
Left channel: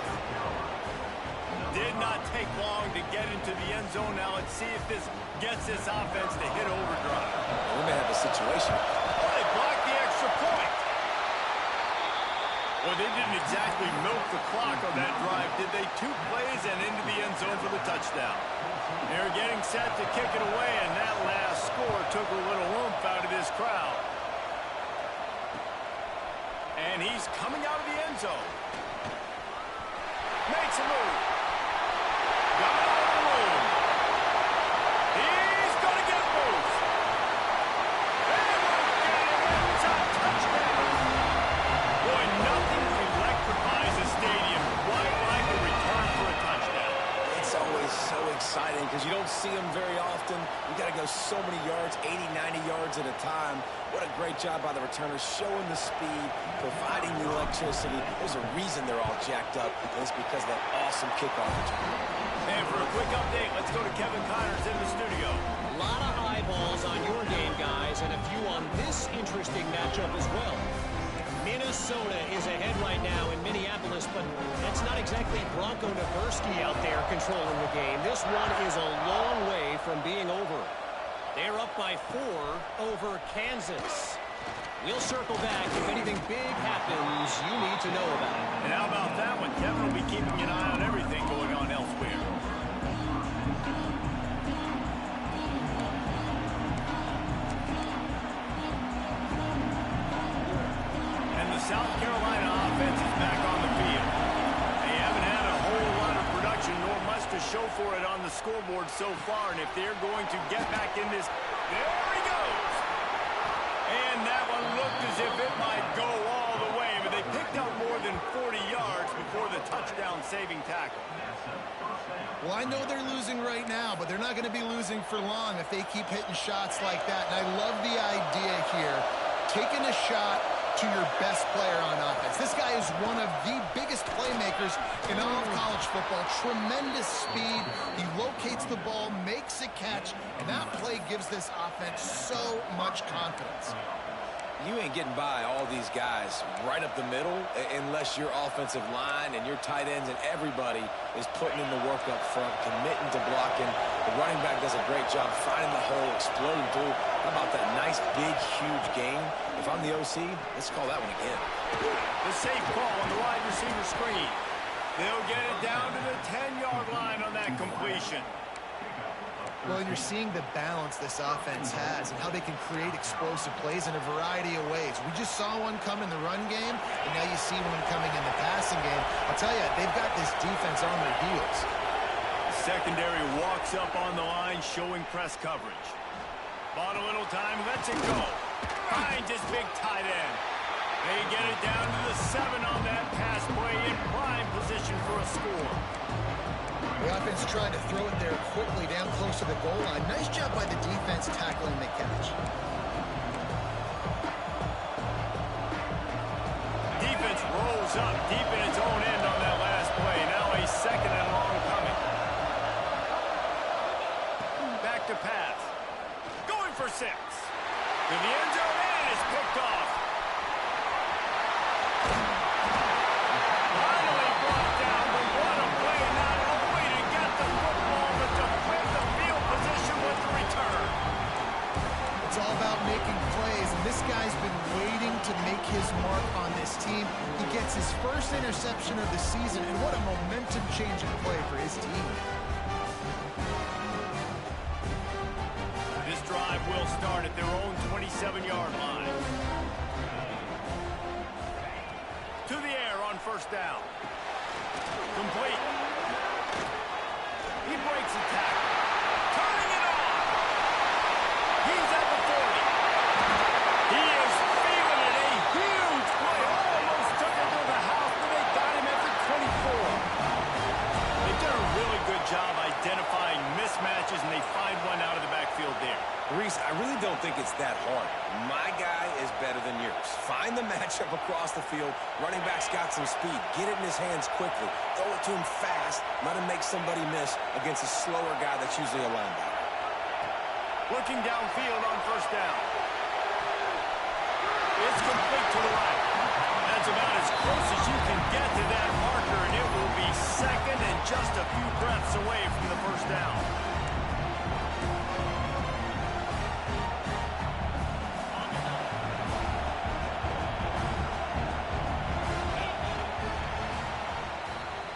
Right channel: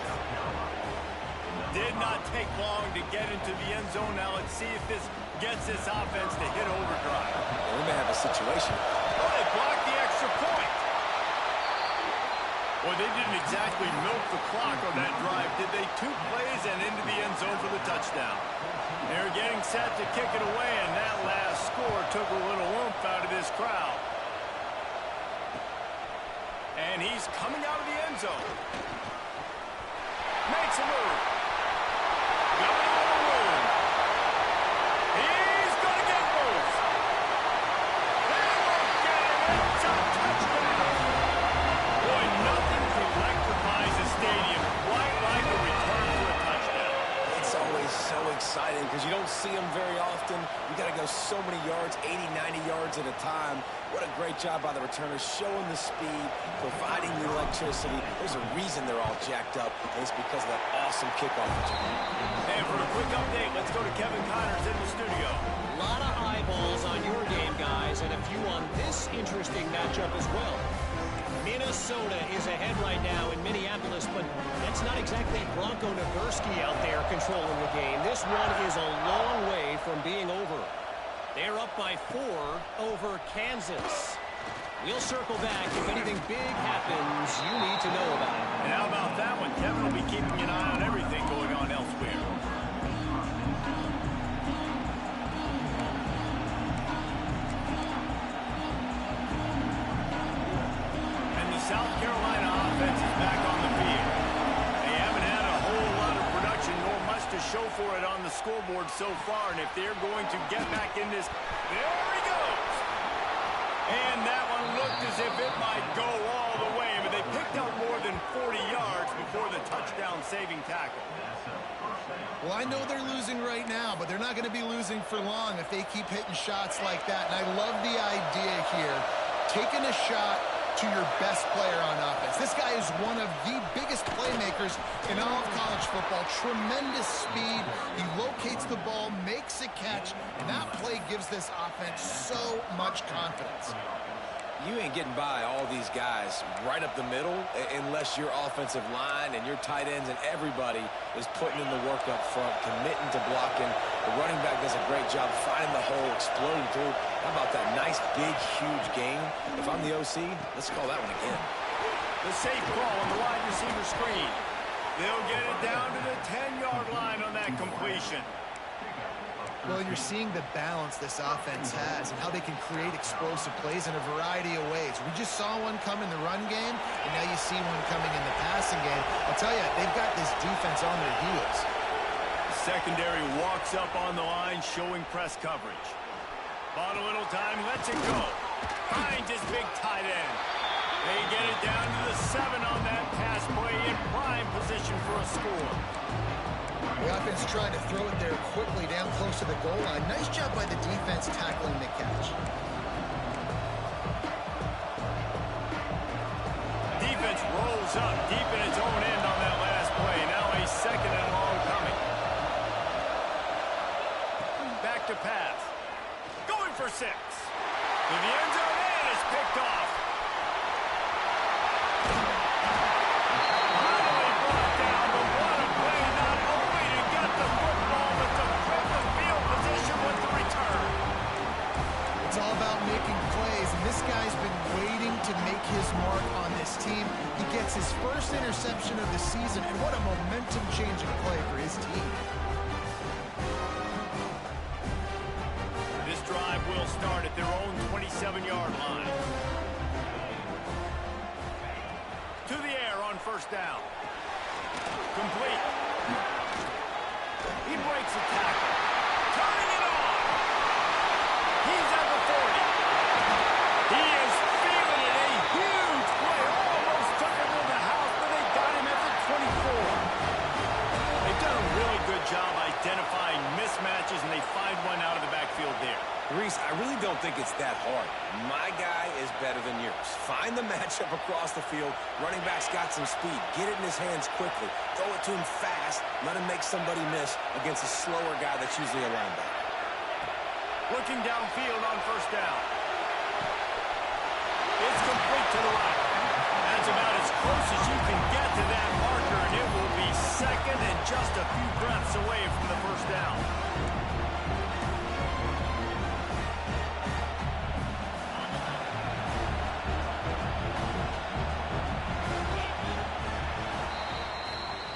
Did not take long to get into the end zone. Now let's see if this gets this offense to hit overdrive. Well, we may have a situation. Oh, they blocked the extra point. Well, they didn't exactly milk the clock on that drive, did they? 2 plays and into the end zone for the touchdown. They're getting set to kick it away, and that last score took a little oomph out of this crowd. And he's coming out of the end zone. Makes a move. Got a little room. He's going to get loose. They won't get him. It's a touchdown. Boy, nothing electrifies a stadium quite like a return for a touchdown. It's always so exciting because you don't see them very often. You got to go so many yards, 80, 90 yards at a time. What a great job by the returners, showing the speed, providing the electricity. There's a reason they're all jacked up, and it's because of that awesome kickoff return. And for a quick update, let's go to Kevin Connors in the studio. A lot of eyeballs on your game, guys, and a few on this interesting matchup as well. Minnesota is ahead right now in Minneapolis, but that's not exactly Bronco Nagurski out there controlling the game. This one is a long way from being over. They're up by 4 over Kansas. We'll circle back if anything big happens you need to know about. And how about that one? Kevin will be keeping an eye on everything going on elsewhere. And the South Carolina offense is back on the field. They haven't had a whole lot of production, nor much to show for it on the scoreboard so far. And if they're going to get back in this, there he goes. And that one looked as if it might go all the way, but they picked up more than 40 yards before the touchdown-saving tackle. Well, I know they're losing right now, but they're not going to be losing for long if they keep hitting shots like that. And I love the idea here, taking a shot to your best player on offense. This guy is one of the biggest playmakers in all of college football. Tremendous speed. He locates the ball, makes a catch, and that play gives this offense so much confidence. You ain't getting by all these guys right up the middle unless your offensive line and your tight ends and everybody is putting in the work up front, committing to blocking. The running back does a great job finding the hole, exploding through. How about that nice, big, huge gain? If I'm the OC, let's call that one again. The safe call on the wide receiver screen. They'll get it down to the 10-yard line on that completion. Well, you're seeing the balance this offense has and how they can create explosive plays in a variety of ways. We just saw one come in the run game, and now you see one coming in the passing game. I'll tell you, they've got this defense on their heels. The secondary walks up on the line, showing press coverage. Bought a little time, lets it go. Finds his big tight end. They get it down to the 7 on that pass play in prime position for a score. The offense tried to throw it there quickly down close to the goal line. Nice job by the defense tackling the catch. Defense rolls up deep in its own end on that last play. Now a 2nd and long coming. Back to pass. Going for 6. To the end zone, and it's picked off. Finally brought down, but what a play, not only to get the football, but to flip the field position with the return. It's all about making plays, and this guy's been waiting to make his mark on this team. He gets his first interception of the season, and what a momentum-changing play for his team. This drive will start at their own 27-yard line. To the air on first down. Complete. He breaks a tackle. Turning it on. He's at the 40. He is feeling it. A huge play. Almost took it to the house, but they got him at the 24. They've done a really good job identifying mismatches, and they find one out of the backfield there. Reese, I really don't think it's that hard. My guy is better than yours. Find the matchup across the field. Running back's got some speed. Get it in his hands quickly. Throw it to him fast. Let him make somebody miss against a slower guy that's usually a linebacker. Looking downfield on first down. It's complete to the right. That's about as close as you can get to that marker, and it will be second and just a few breaths away from the first down.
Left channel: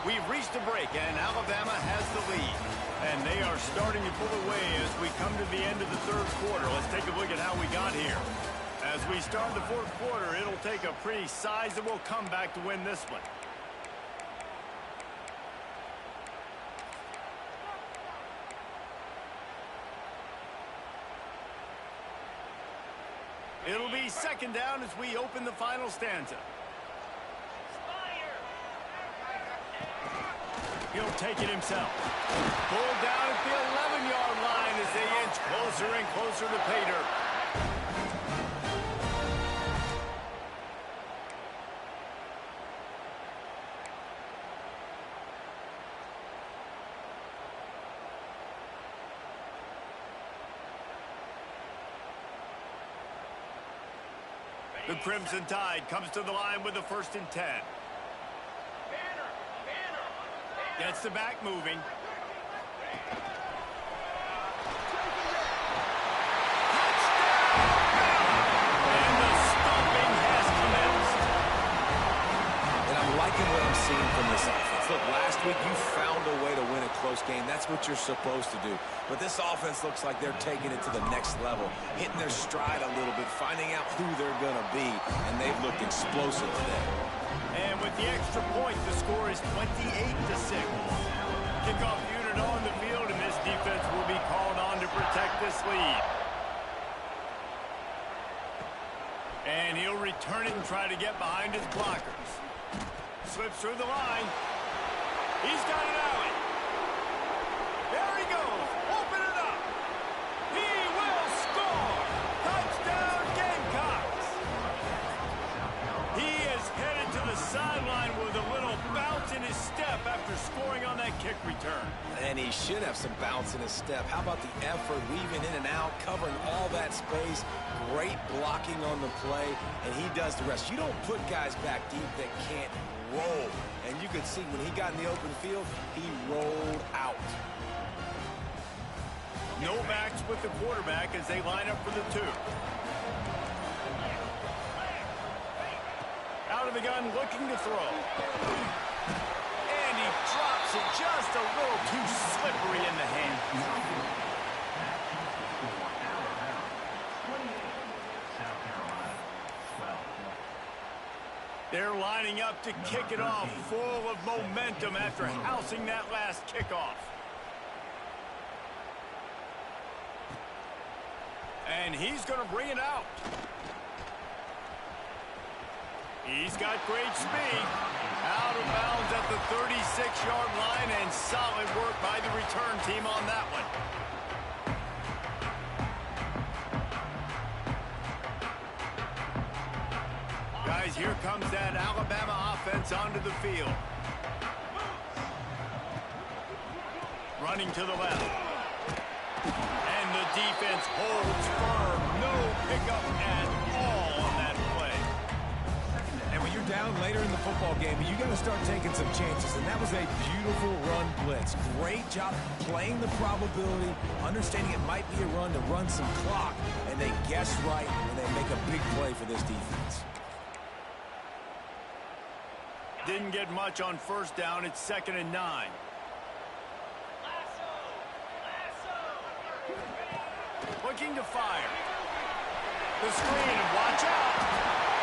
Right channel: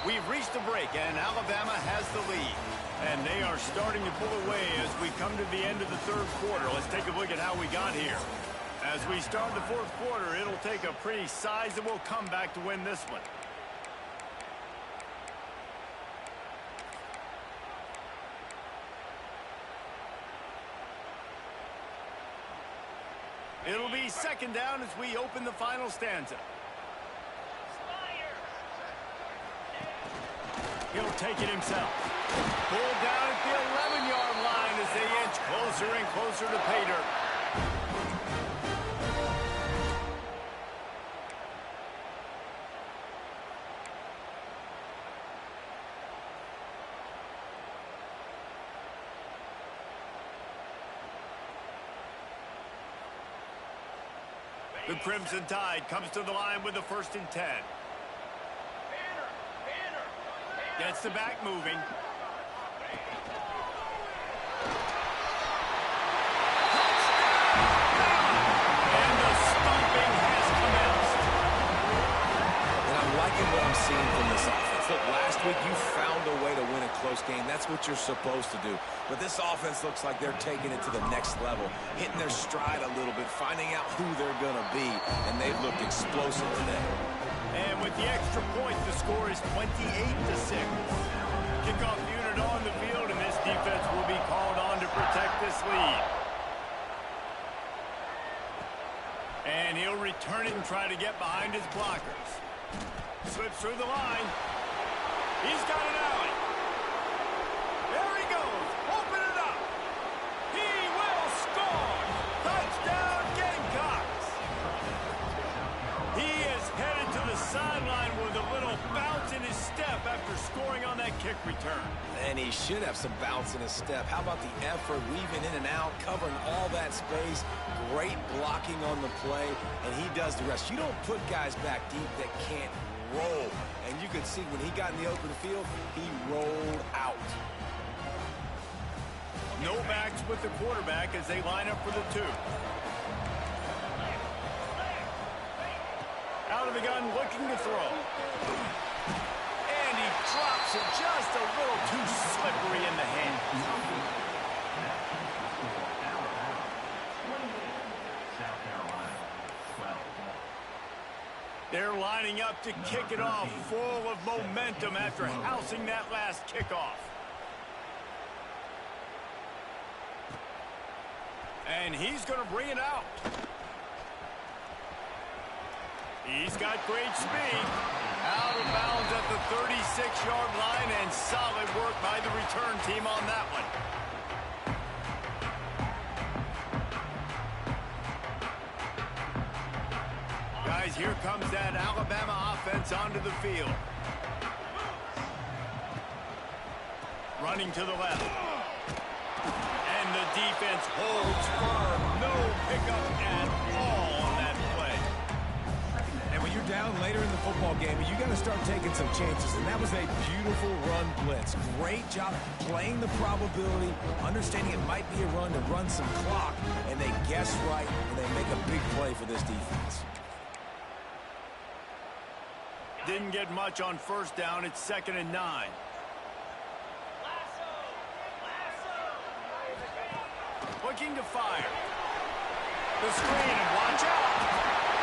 We've reached a break, and Alabama has the lead. And they are starting to pull away as we come to the end of the third quarter. Let's take a look at how we got here. As we start the fourth quarter, it'll take a pretty sizable comeback to win this one. It'll be second down as we open the final stanza. He'll take it himself. Pulled down at the 11-yard line as they inch closer and closer to pay dirt. The Crimson Tide comes to the line with the 1st and 10. Gets the back moving. Touchdown! And the stomping has commenced. And I'm liking what I'm seeing from this offense. Look, last week you found a way to win a close game. That's what you're supposed to do. But this offense looks like they're taking it to the next level, hitting their stride a little bit, finding out who they're going to be, and they've looked explosive today. And with the extra point, the score is 28-6. Kickoff unit on the field, and this defense will be called on to protect this lead. And he'll return it and try to get behind his blockers. Slips through the line. He's got an alley. There he goes. Open it up. He will score. Touchdown, Gamecocks. He is headed to the sideline with a little bounce in his step after scoring on that kick return. And he should have some bounce in his step. How about the effort, weaving in and out, covering all that space, great blocking on the play, and he does the rest. You don't put guys back deep that can't roll. And you could see when he got in the open field, he rolled out. No backs with the quarterback as they line up for the 2. Out of the gun, looking to throw. And he drops it just a little too slippery in the hand. They're lining up to kick it off, full of momentum after housing that last kickoff. And he's going to bring it out. He's got great speed. Out of bounds at the 36-yard line, and solid work by the return team on that one. Guys, here comes that Alabama offense onto the field. Running to the left. And the defense holds firm. No pickup at all on that play. And when you're down later in the football game, you got to start taking some chances. And that was a beautiful run blitz. Great job playing the probability, understanding it might be a run to run some clock. And they guess right, and they make a big play for this defense. Didn't get much on first down. It's 2nd and 9. Looking to fire. The screen, and watch out.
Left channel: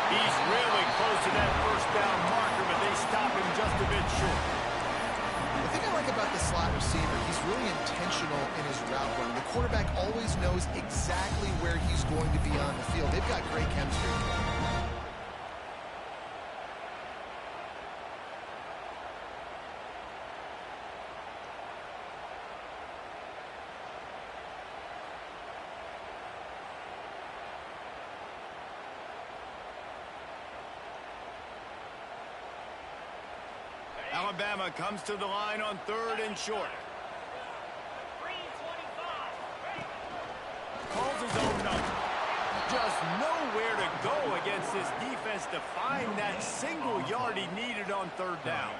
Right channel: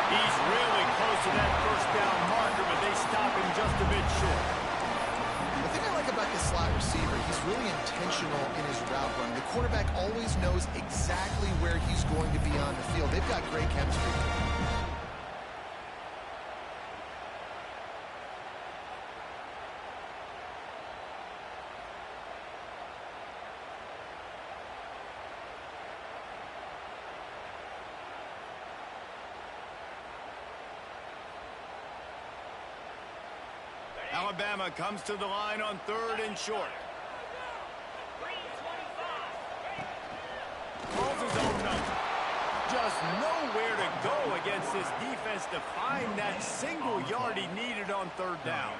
He's really close to that first down marker, but they stop him just a bit short. The thing I like about this slot receiver, he's really intentional in his route running. The quarterback always knows exactly where he's going to be on the field. They've got great chemistry. Alabama comes to the line on 3rd and short. Calls his own number. Just nowhere to go against this defense to find that single yard he needed on 3rd down.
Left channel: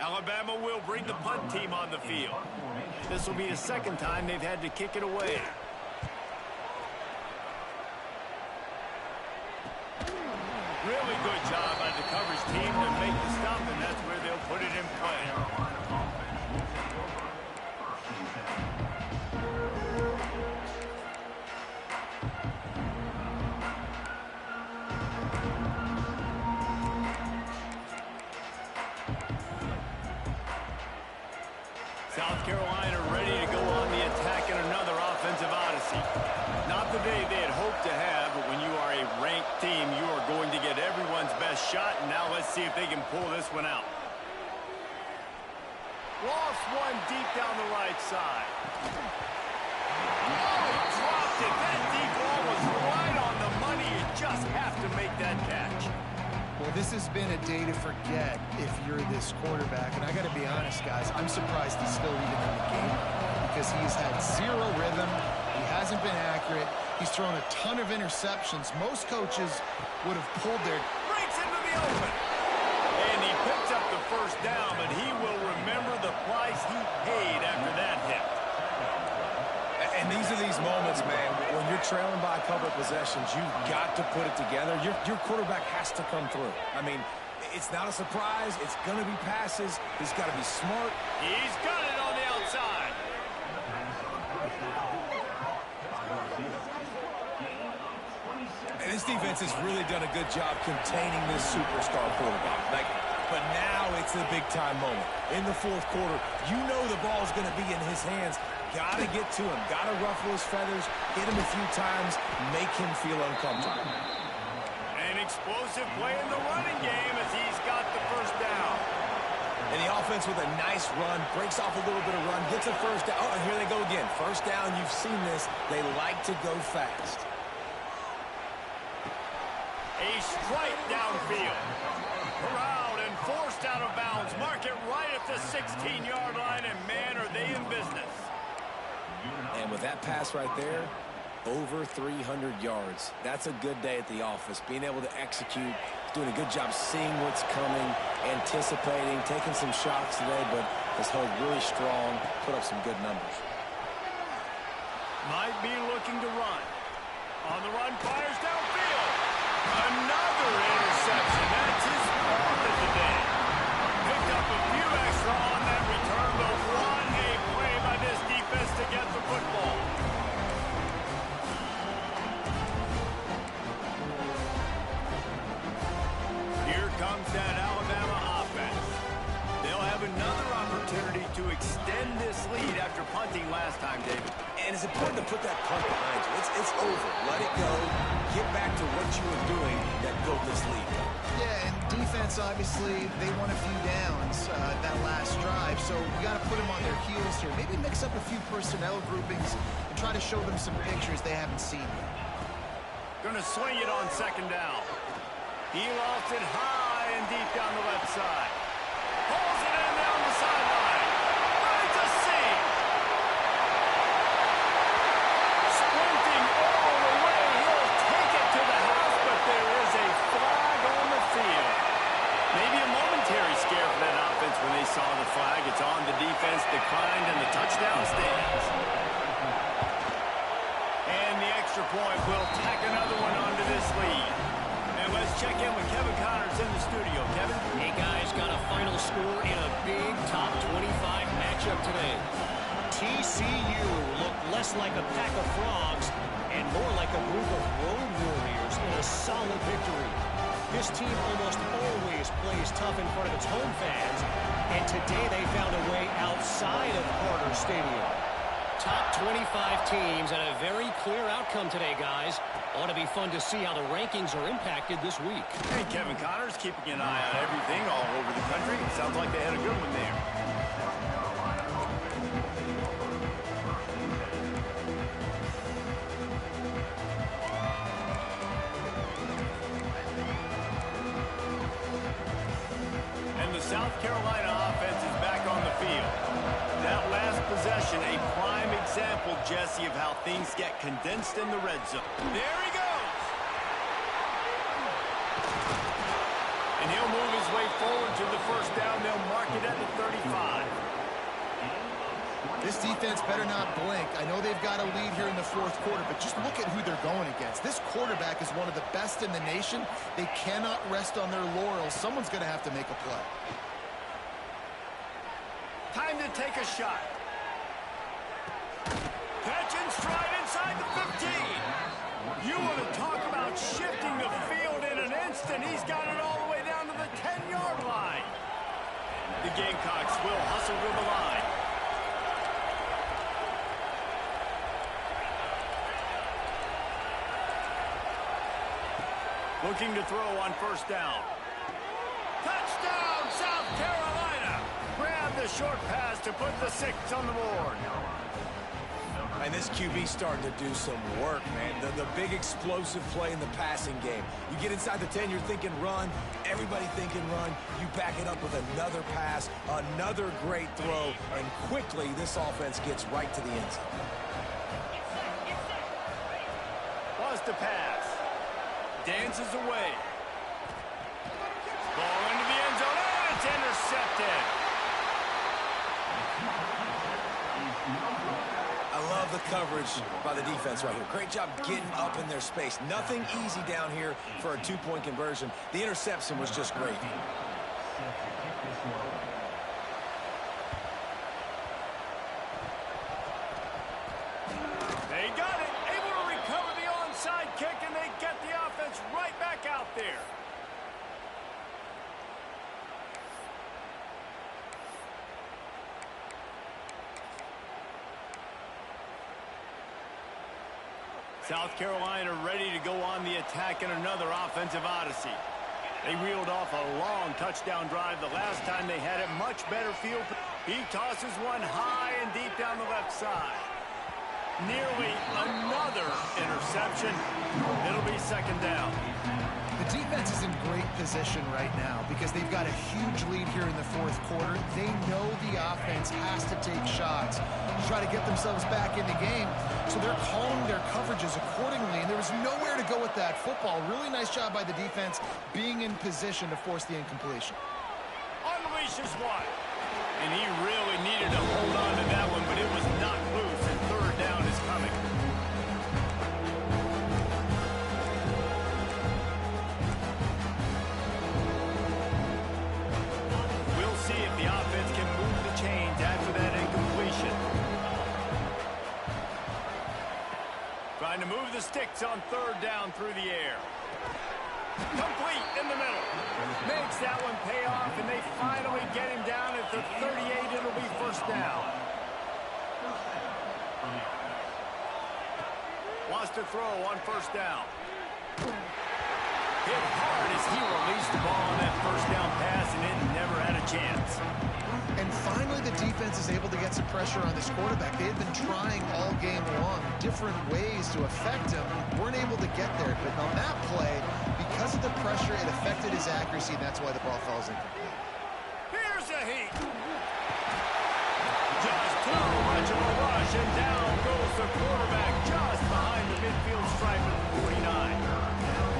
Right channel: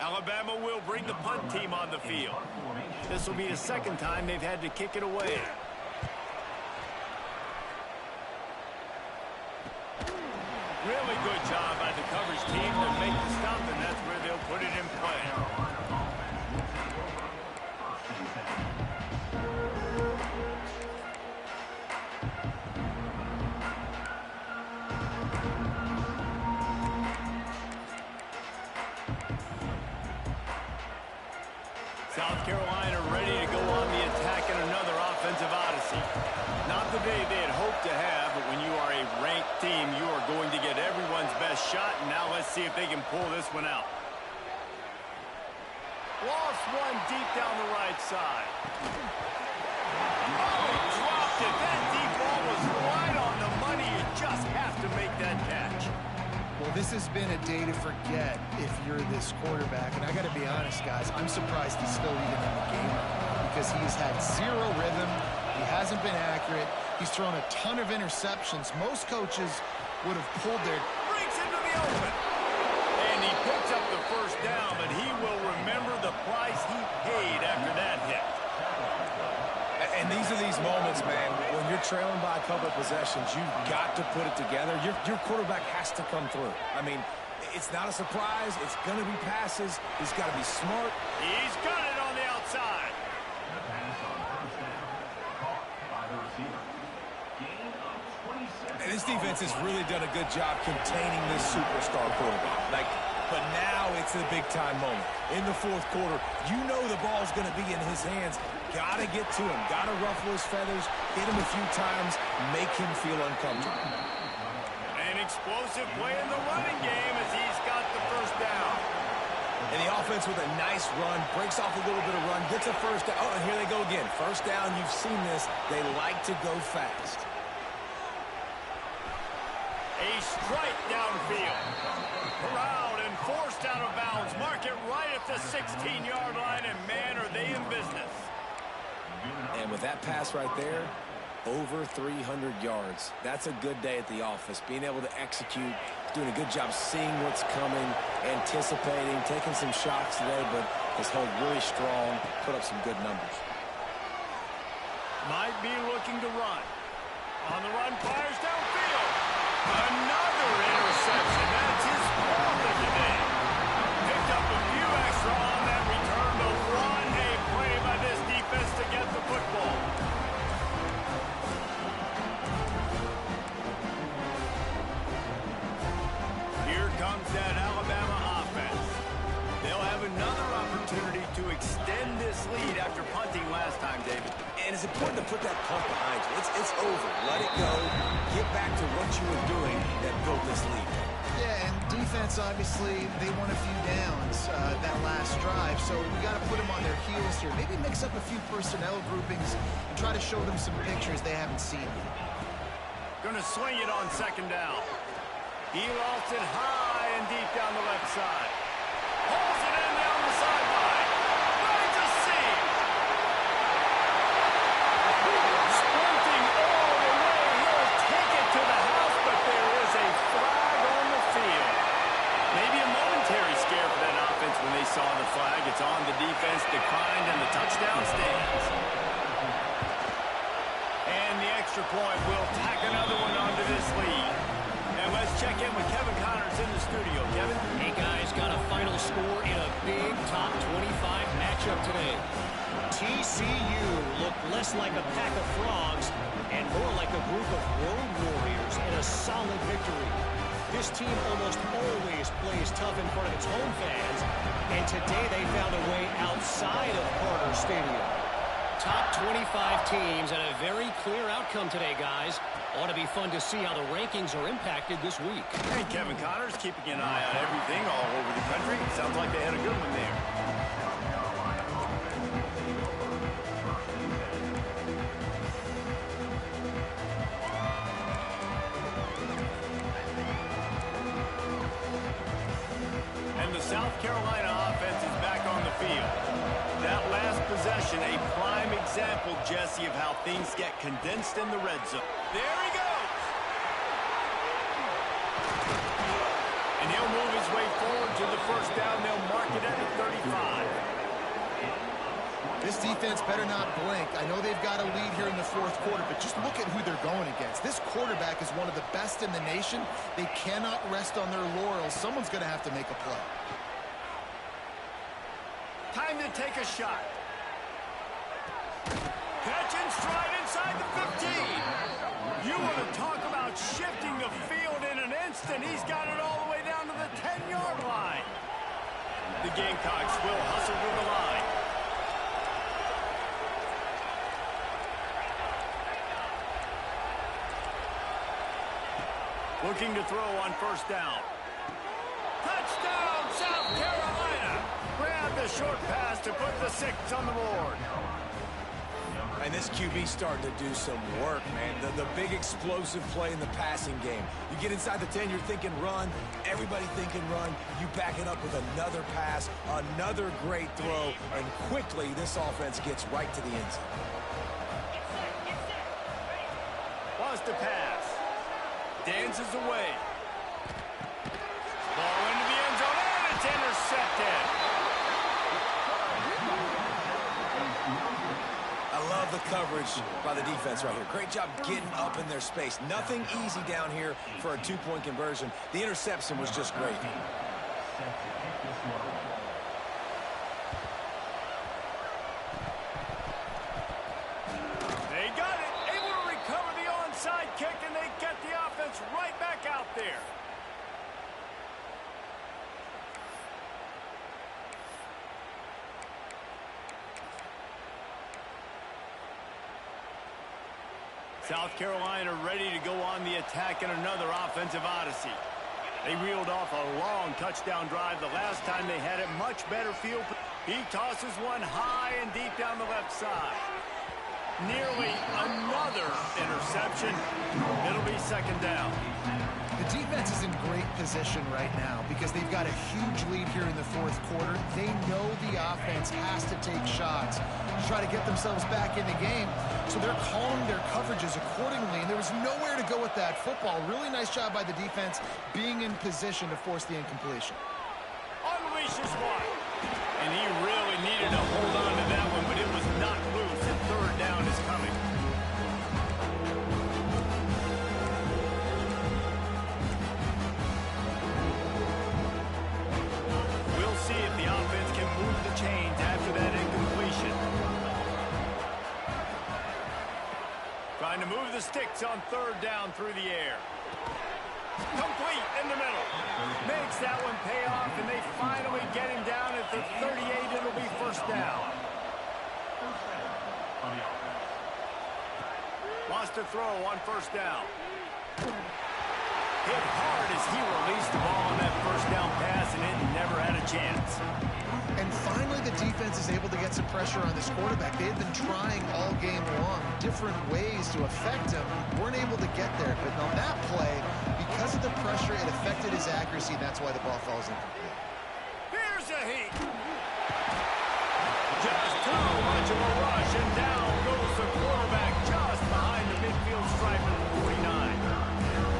Alabama will bring the punt team on the field. This will be the 2nd time they've had to kick it away. Really good job by the coverage team to make the stop, and that's where they'll put it in play. South Carolina ready to go on the attack in another offensive odyssey. Not the day they had hoped to have, but when you are a ranked team, you are going to get everyone's best shot, and now let's see if they can pull this one out. Lost one deep down the right side. Oh, he dropped it. That deep ball was right on the money. You just have to make that catch. Well, this has been a day to forget if you're this quarterback. And I got to be honest, guys, I'm surprised he's still even in the game right now because he's had zero rhythm. He hasn't been accurate. He's thrown a ton of interceptions. Most coaches would have pulled their... Breaks into the open. And he picks up the 1st down, but he will remember the price he paid after that hit. And these are these moments, man, when you're trailing by a couple of possessions, you've got to put it together. Your quarterback has to come through. I mean, it's not a surprise. It's going to be passes. He's got to be smart. He's got it on the outside. And this defense has really done a good job containing this superstar quarterback. But now it's the big-time moment. In the 4th quarter, you know the ball's going to be in his hands. Got to get to him. Got to ruffle his feathers, hit him a few times, make him feel uncomfortable. An explosive play in the running game as he's got the 1st down. And the offense with a nice run, breaks off a little bit of run, gets a 1st down. Oh, and here they go again. 1st down, you've seen this. They like to go fast. A strike downfield. Corralled and forced out of bounds. Mark it right at the 16-yard line, and man, are they in business. And with that pass right there, over 300 yards. That's a good day at the office. Being able to execute, doing a good job seeing what's coming, anticipating, taking some shots today, but has held really strong, put up some good numbers. Might be looking to run. On the run, fires downfield. Another interception. That's his 4th of the day. Picked up a few extra on that return, but what a play by this defense to get the football. Here comes that Alabama offense. They'll have another opportunity to extend this lead after punting last time, David. And it's important to put that punt behind you. It's over. Let it go. Get back to what you were doing that built this lead. Yeah, and defense, obviously, they won a few downs that last drive, so we got to put them on their heels here. Maybe mix up a few personnel groupings and try to show them some pictures they haven't seen yet. Gonna swing it on 2nd down. He lost it high and deep down the left side. Pulls it in down the sideline. Right to seam. Sprinting all the way. He'll take it to the house, but there is a flag on the field. Maybe a momentary scare for that offense when they saw the flag. It's on the defense, declined, and the touchdown stands. And the extra point will tack another one onto this lead. And let's check in with Kevin Connors in the studio. Kevin? Hey, guys, got a final score in a big top 25 matchup today. TCU looked less like a pack of frogs and more like a group of road warriors in a solid victory. This team almost always plays tough in front of its home fans, and today they found a way outside of Carter Stadium. Top 25 teams and a very clear outcome today, guys. Ought to be fun to see how the rankings are impacted this week. Hey, Kevin Connors keeping an eye on everything all over the country. Sounds like they had a good one there. And the South Carolina offense is back on the field. That last possession, a prime example, Jesse, of how things get condensed in the red zone. There he goes! And he'll move his way forward to the first down. They'll mark it at the 35. This defense better not blink. I know they've got a lead here in the fourth quarter, but just look at who they're going against. This quarterback is one of the best in the nation. They cannot rest on their laurels. Someone's going to have to make a play. Time to take a shot. Catch and stride inside the 15. You want to talk about shifting the field in an instant. He's got it all the way down to the 10-yard line. The Gamecocks will hustle to the line. Looking to throw on first down. Touchdown, South Carolina! Grab the short pass to put the 6 on the board. And this QB's starting to do some work, man. The big explosive play in the passing game. You get inside the 10, you're thinking run. Everybody thinking run. You back it up with another pass, another great throw, and quickly this offense gets right to the end zone. Wants to pass. Dances away. Ball into the end zone, and it's intercepted. I love the coverage by the defense right here. Great job getting up in their space. Nothing easy down here for a 2-point conversion. The interception was just great. They got it. Able to recover the onside kick, and they get the offense right back out there. South Carolina ready to go on the attack in another offensive odyssey. They reeled off a long touchdown drive the last time they had it. Much better field. He tosses one high and deep down the left side. Nearly another interception. It'll be second down. The defense is in great position right now because they've got a huge lead here in the fourth quarter. They know the offense has to take shots to try to get themselves back in the game. So they're calling their coverages accordingly, and there was nowhere to go with that football. Really nice job by the defense being in position to force the incompletion. Unleashes one. And he really needed to hold on to that one, but it was not loose, and third down is coming. We'll see if the offense can move the chains after that incompletion. Trying to move the sticks on third down through the air. Complete in the middle. Makes that one pay off, and they finally get him down at the 38. It'll be first down. Wants to throw on first down. Hit hard as he released the ball on that first down pass, and it never had a chance. And finally, the defense is able to get some pressure on this quarterback. They had been trying all game long different ways to affect him. Weren't able to get there. But on that play, because of the pressure, it affected his accuracy, and that's why the ball falls incomplete. Here's a heat. Just too much of a rush, and down goes the quarterback just behind the midfield stripe at the 49.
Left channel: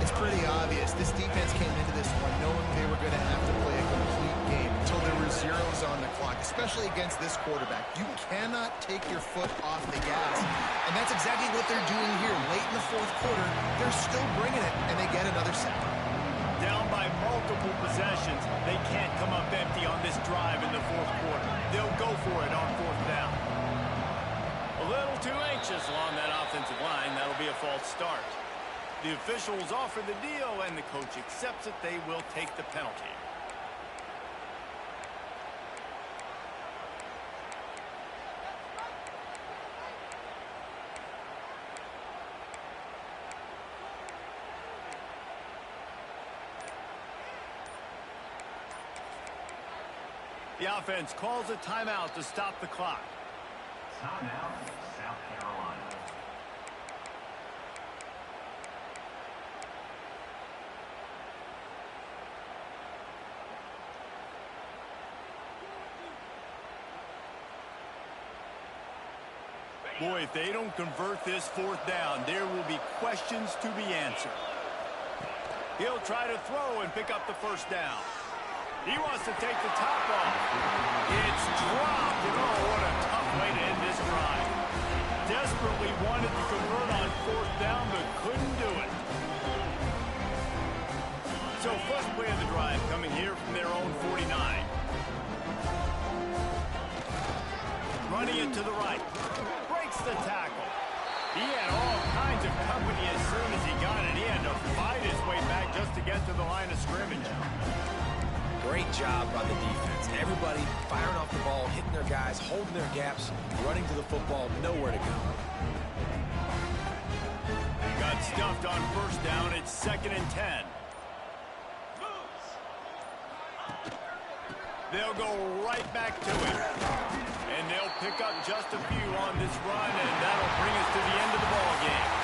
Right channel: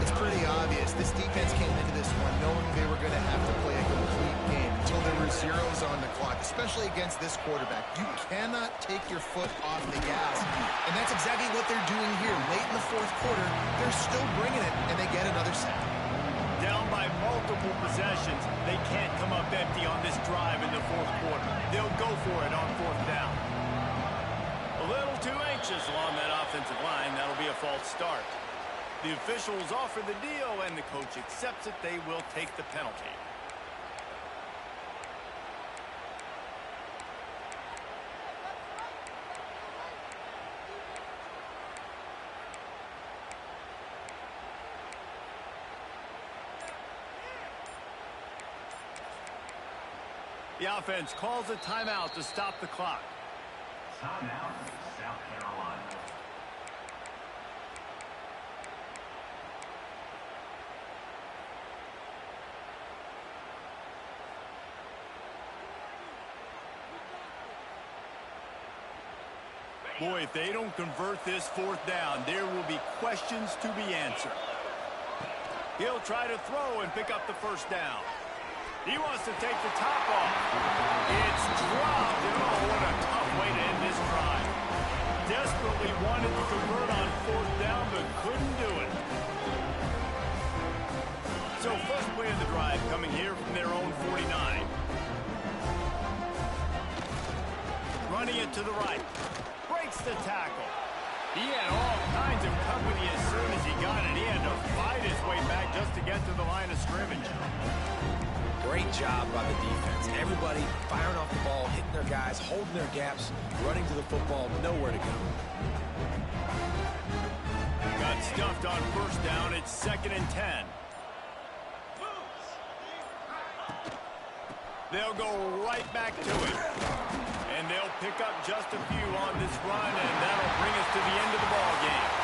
It's pretty obvious. This defense came into this one knowing they were going to have to play a complete game until there were zeros on the clock, especially against this quarterback. You cannot take your foot off the gas, and that's exactly what they're doing here. Late in the fourth quarter, they're still bringing it, and they get another sack. Down by multiple possessions, they can't come up empty on this drive in the fourth quarter. They'll go for it on fourth down. A little too anxious along that offensive line. That'll be a false start. The officials offer the deal, and the coach accepts it. They will take the penalty. The offense calls a timeout to stop the clock. Timeout, South Carolina. Boy, if they don't convert this fourth down, there will be questions to be answered. He'll try to throw and pick up the first down. He wants to take the top off. It's dropped, and oh, what a tough way to end this drive. Desperately wanted to convert on fourth down, but couldn't do it. So first play of the drive coming here from their own 49. Running it to the right. Breaks the tackle. He had all kinds of company as soon as he got it. He had to fight his way back just to get to the line of scrimmage. Great job by the defense. Everybody firing off the ball, hitting their guys, holding their gaps, running to the football, nowhere to go. Got stuffed on first down. It's 2nd and 10. They'll go right back to it. And they'll pick up just a few on this run, and that'll bring us to the end of the ball game.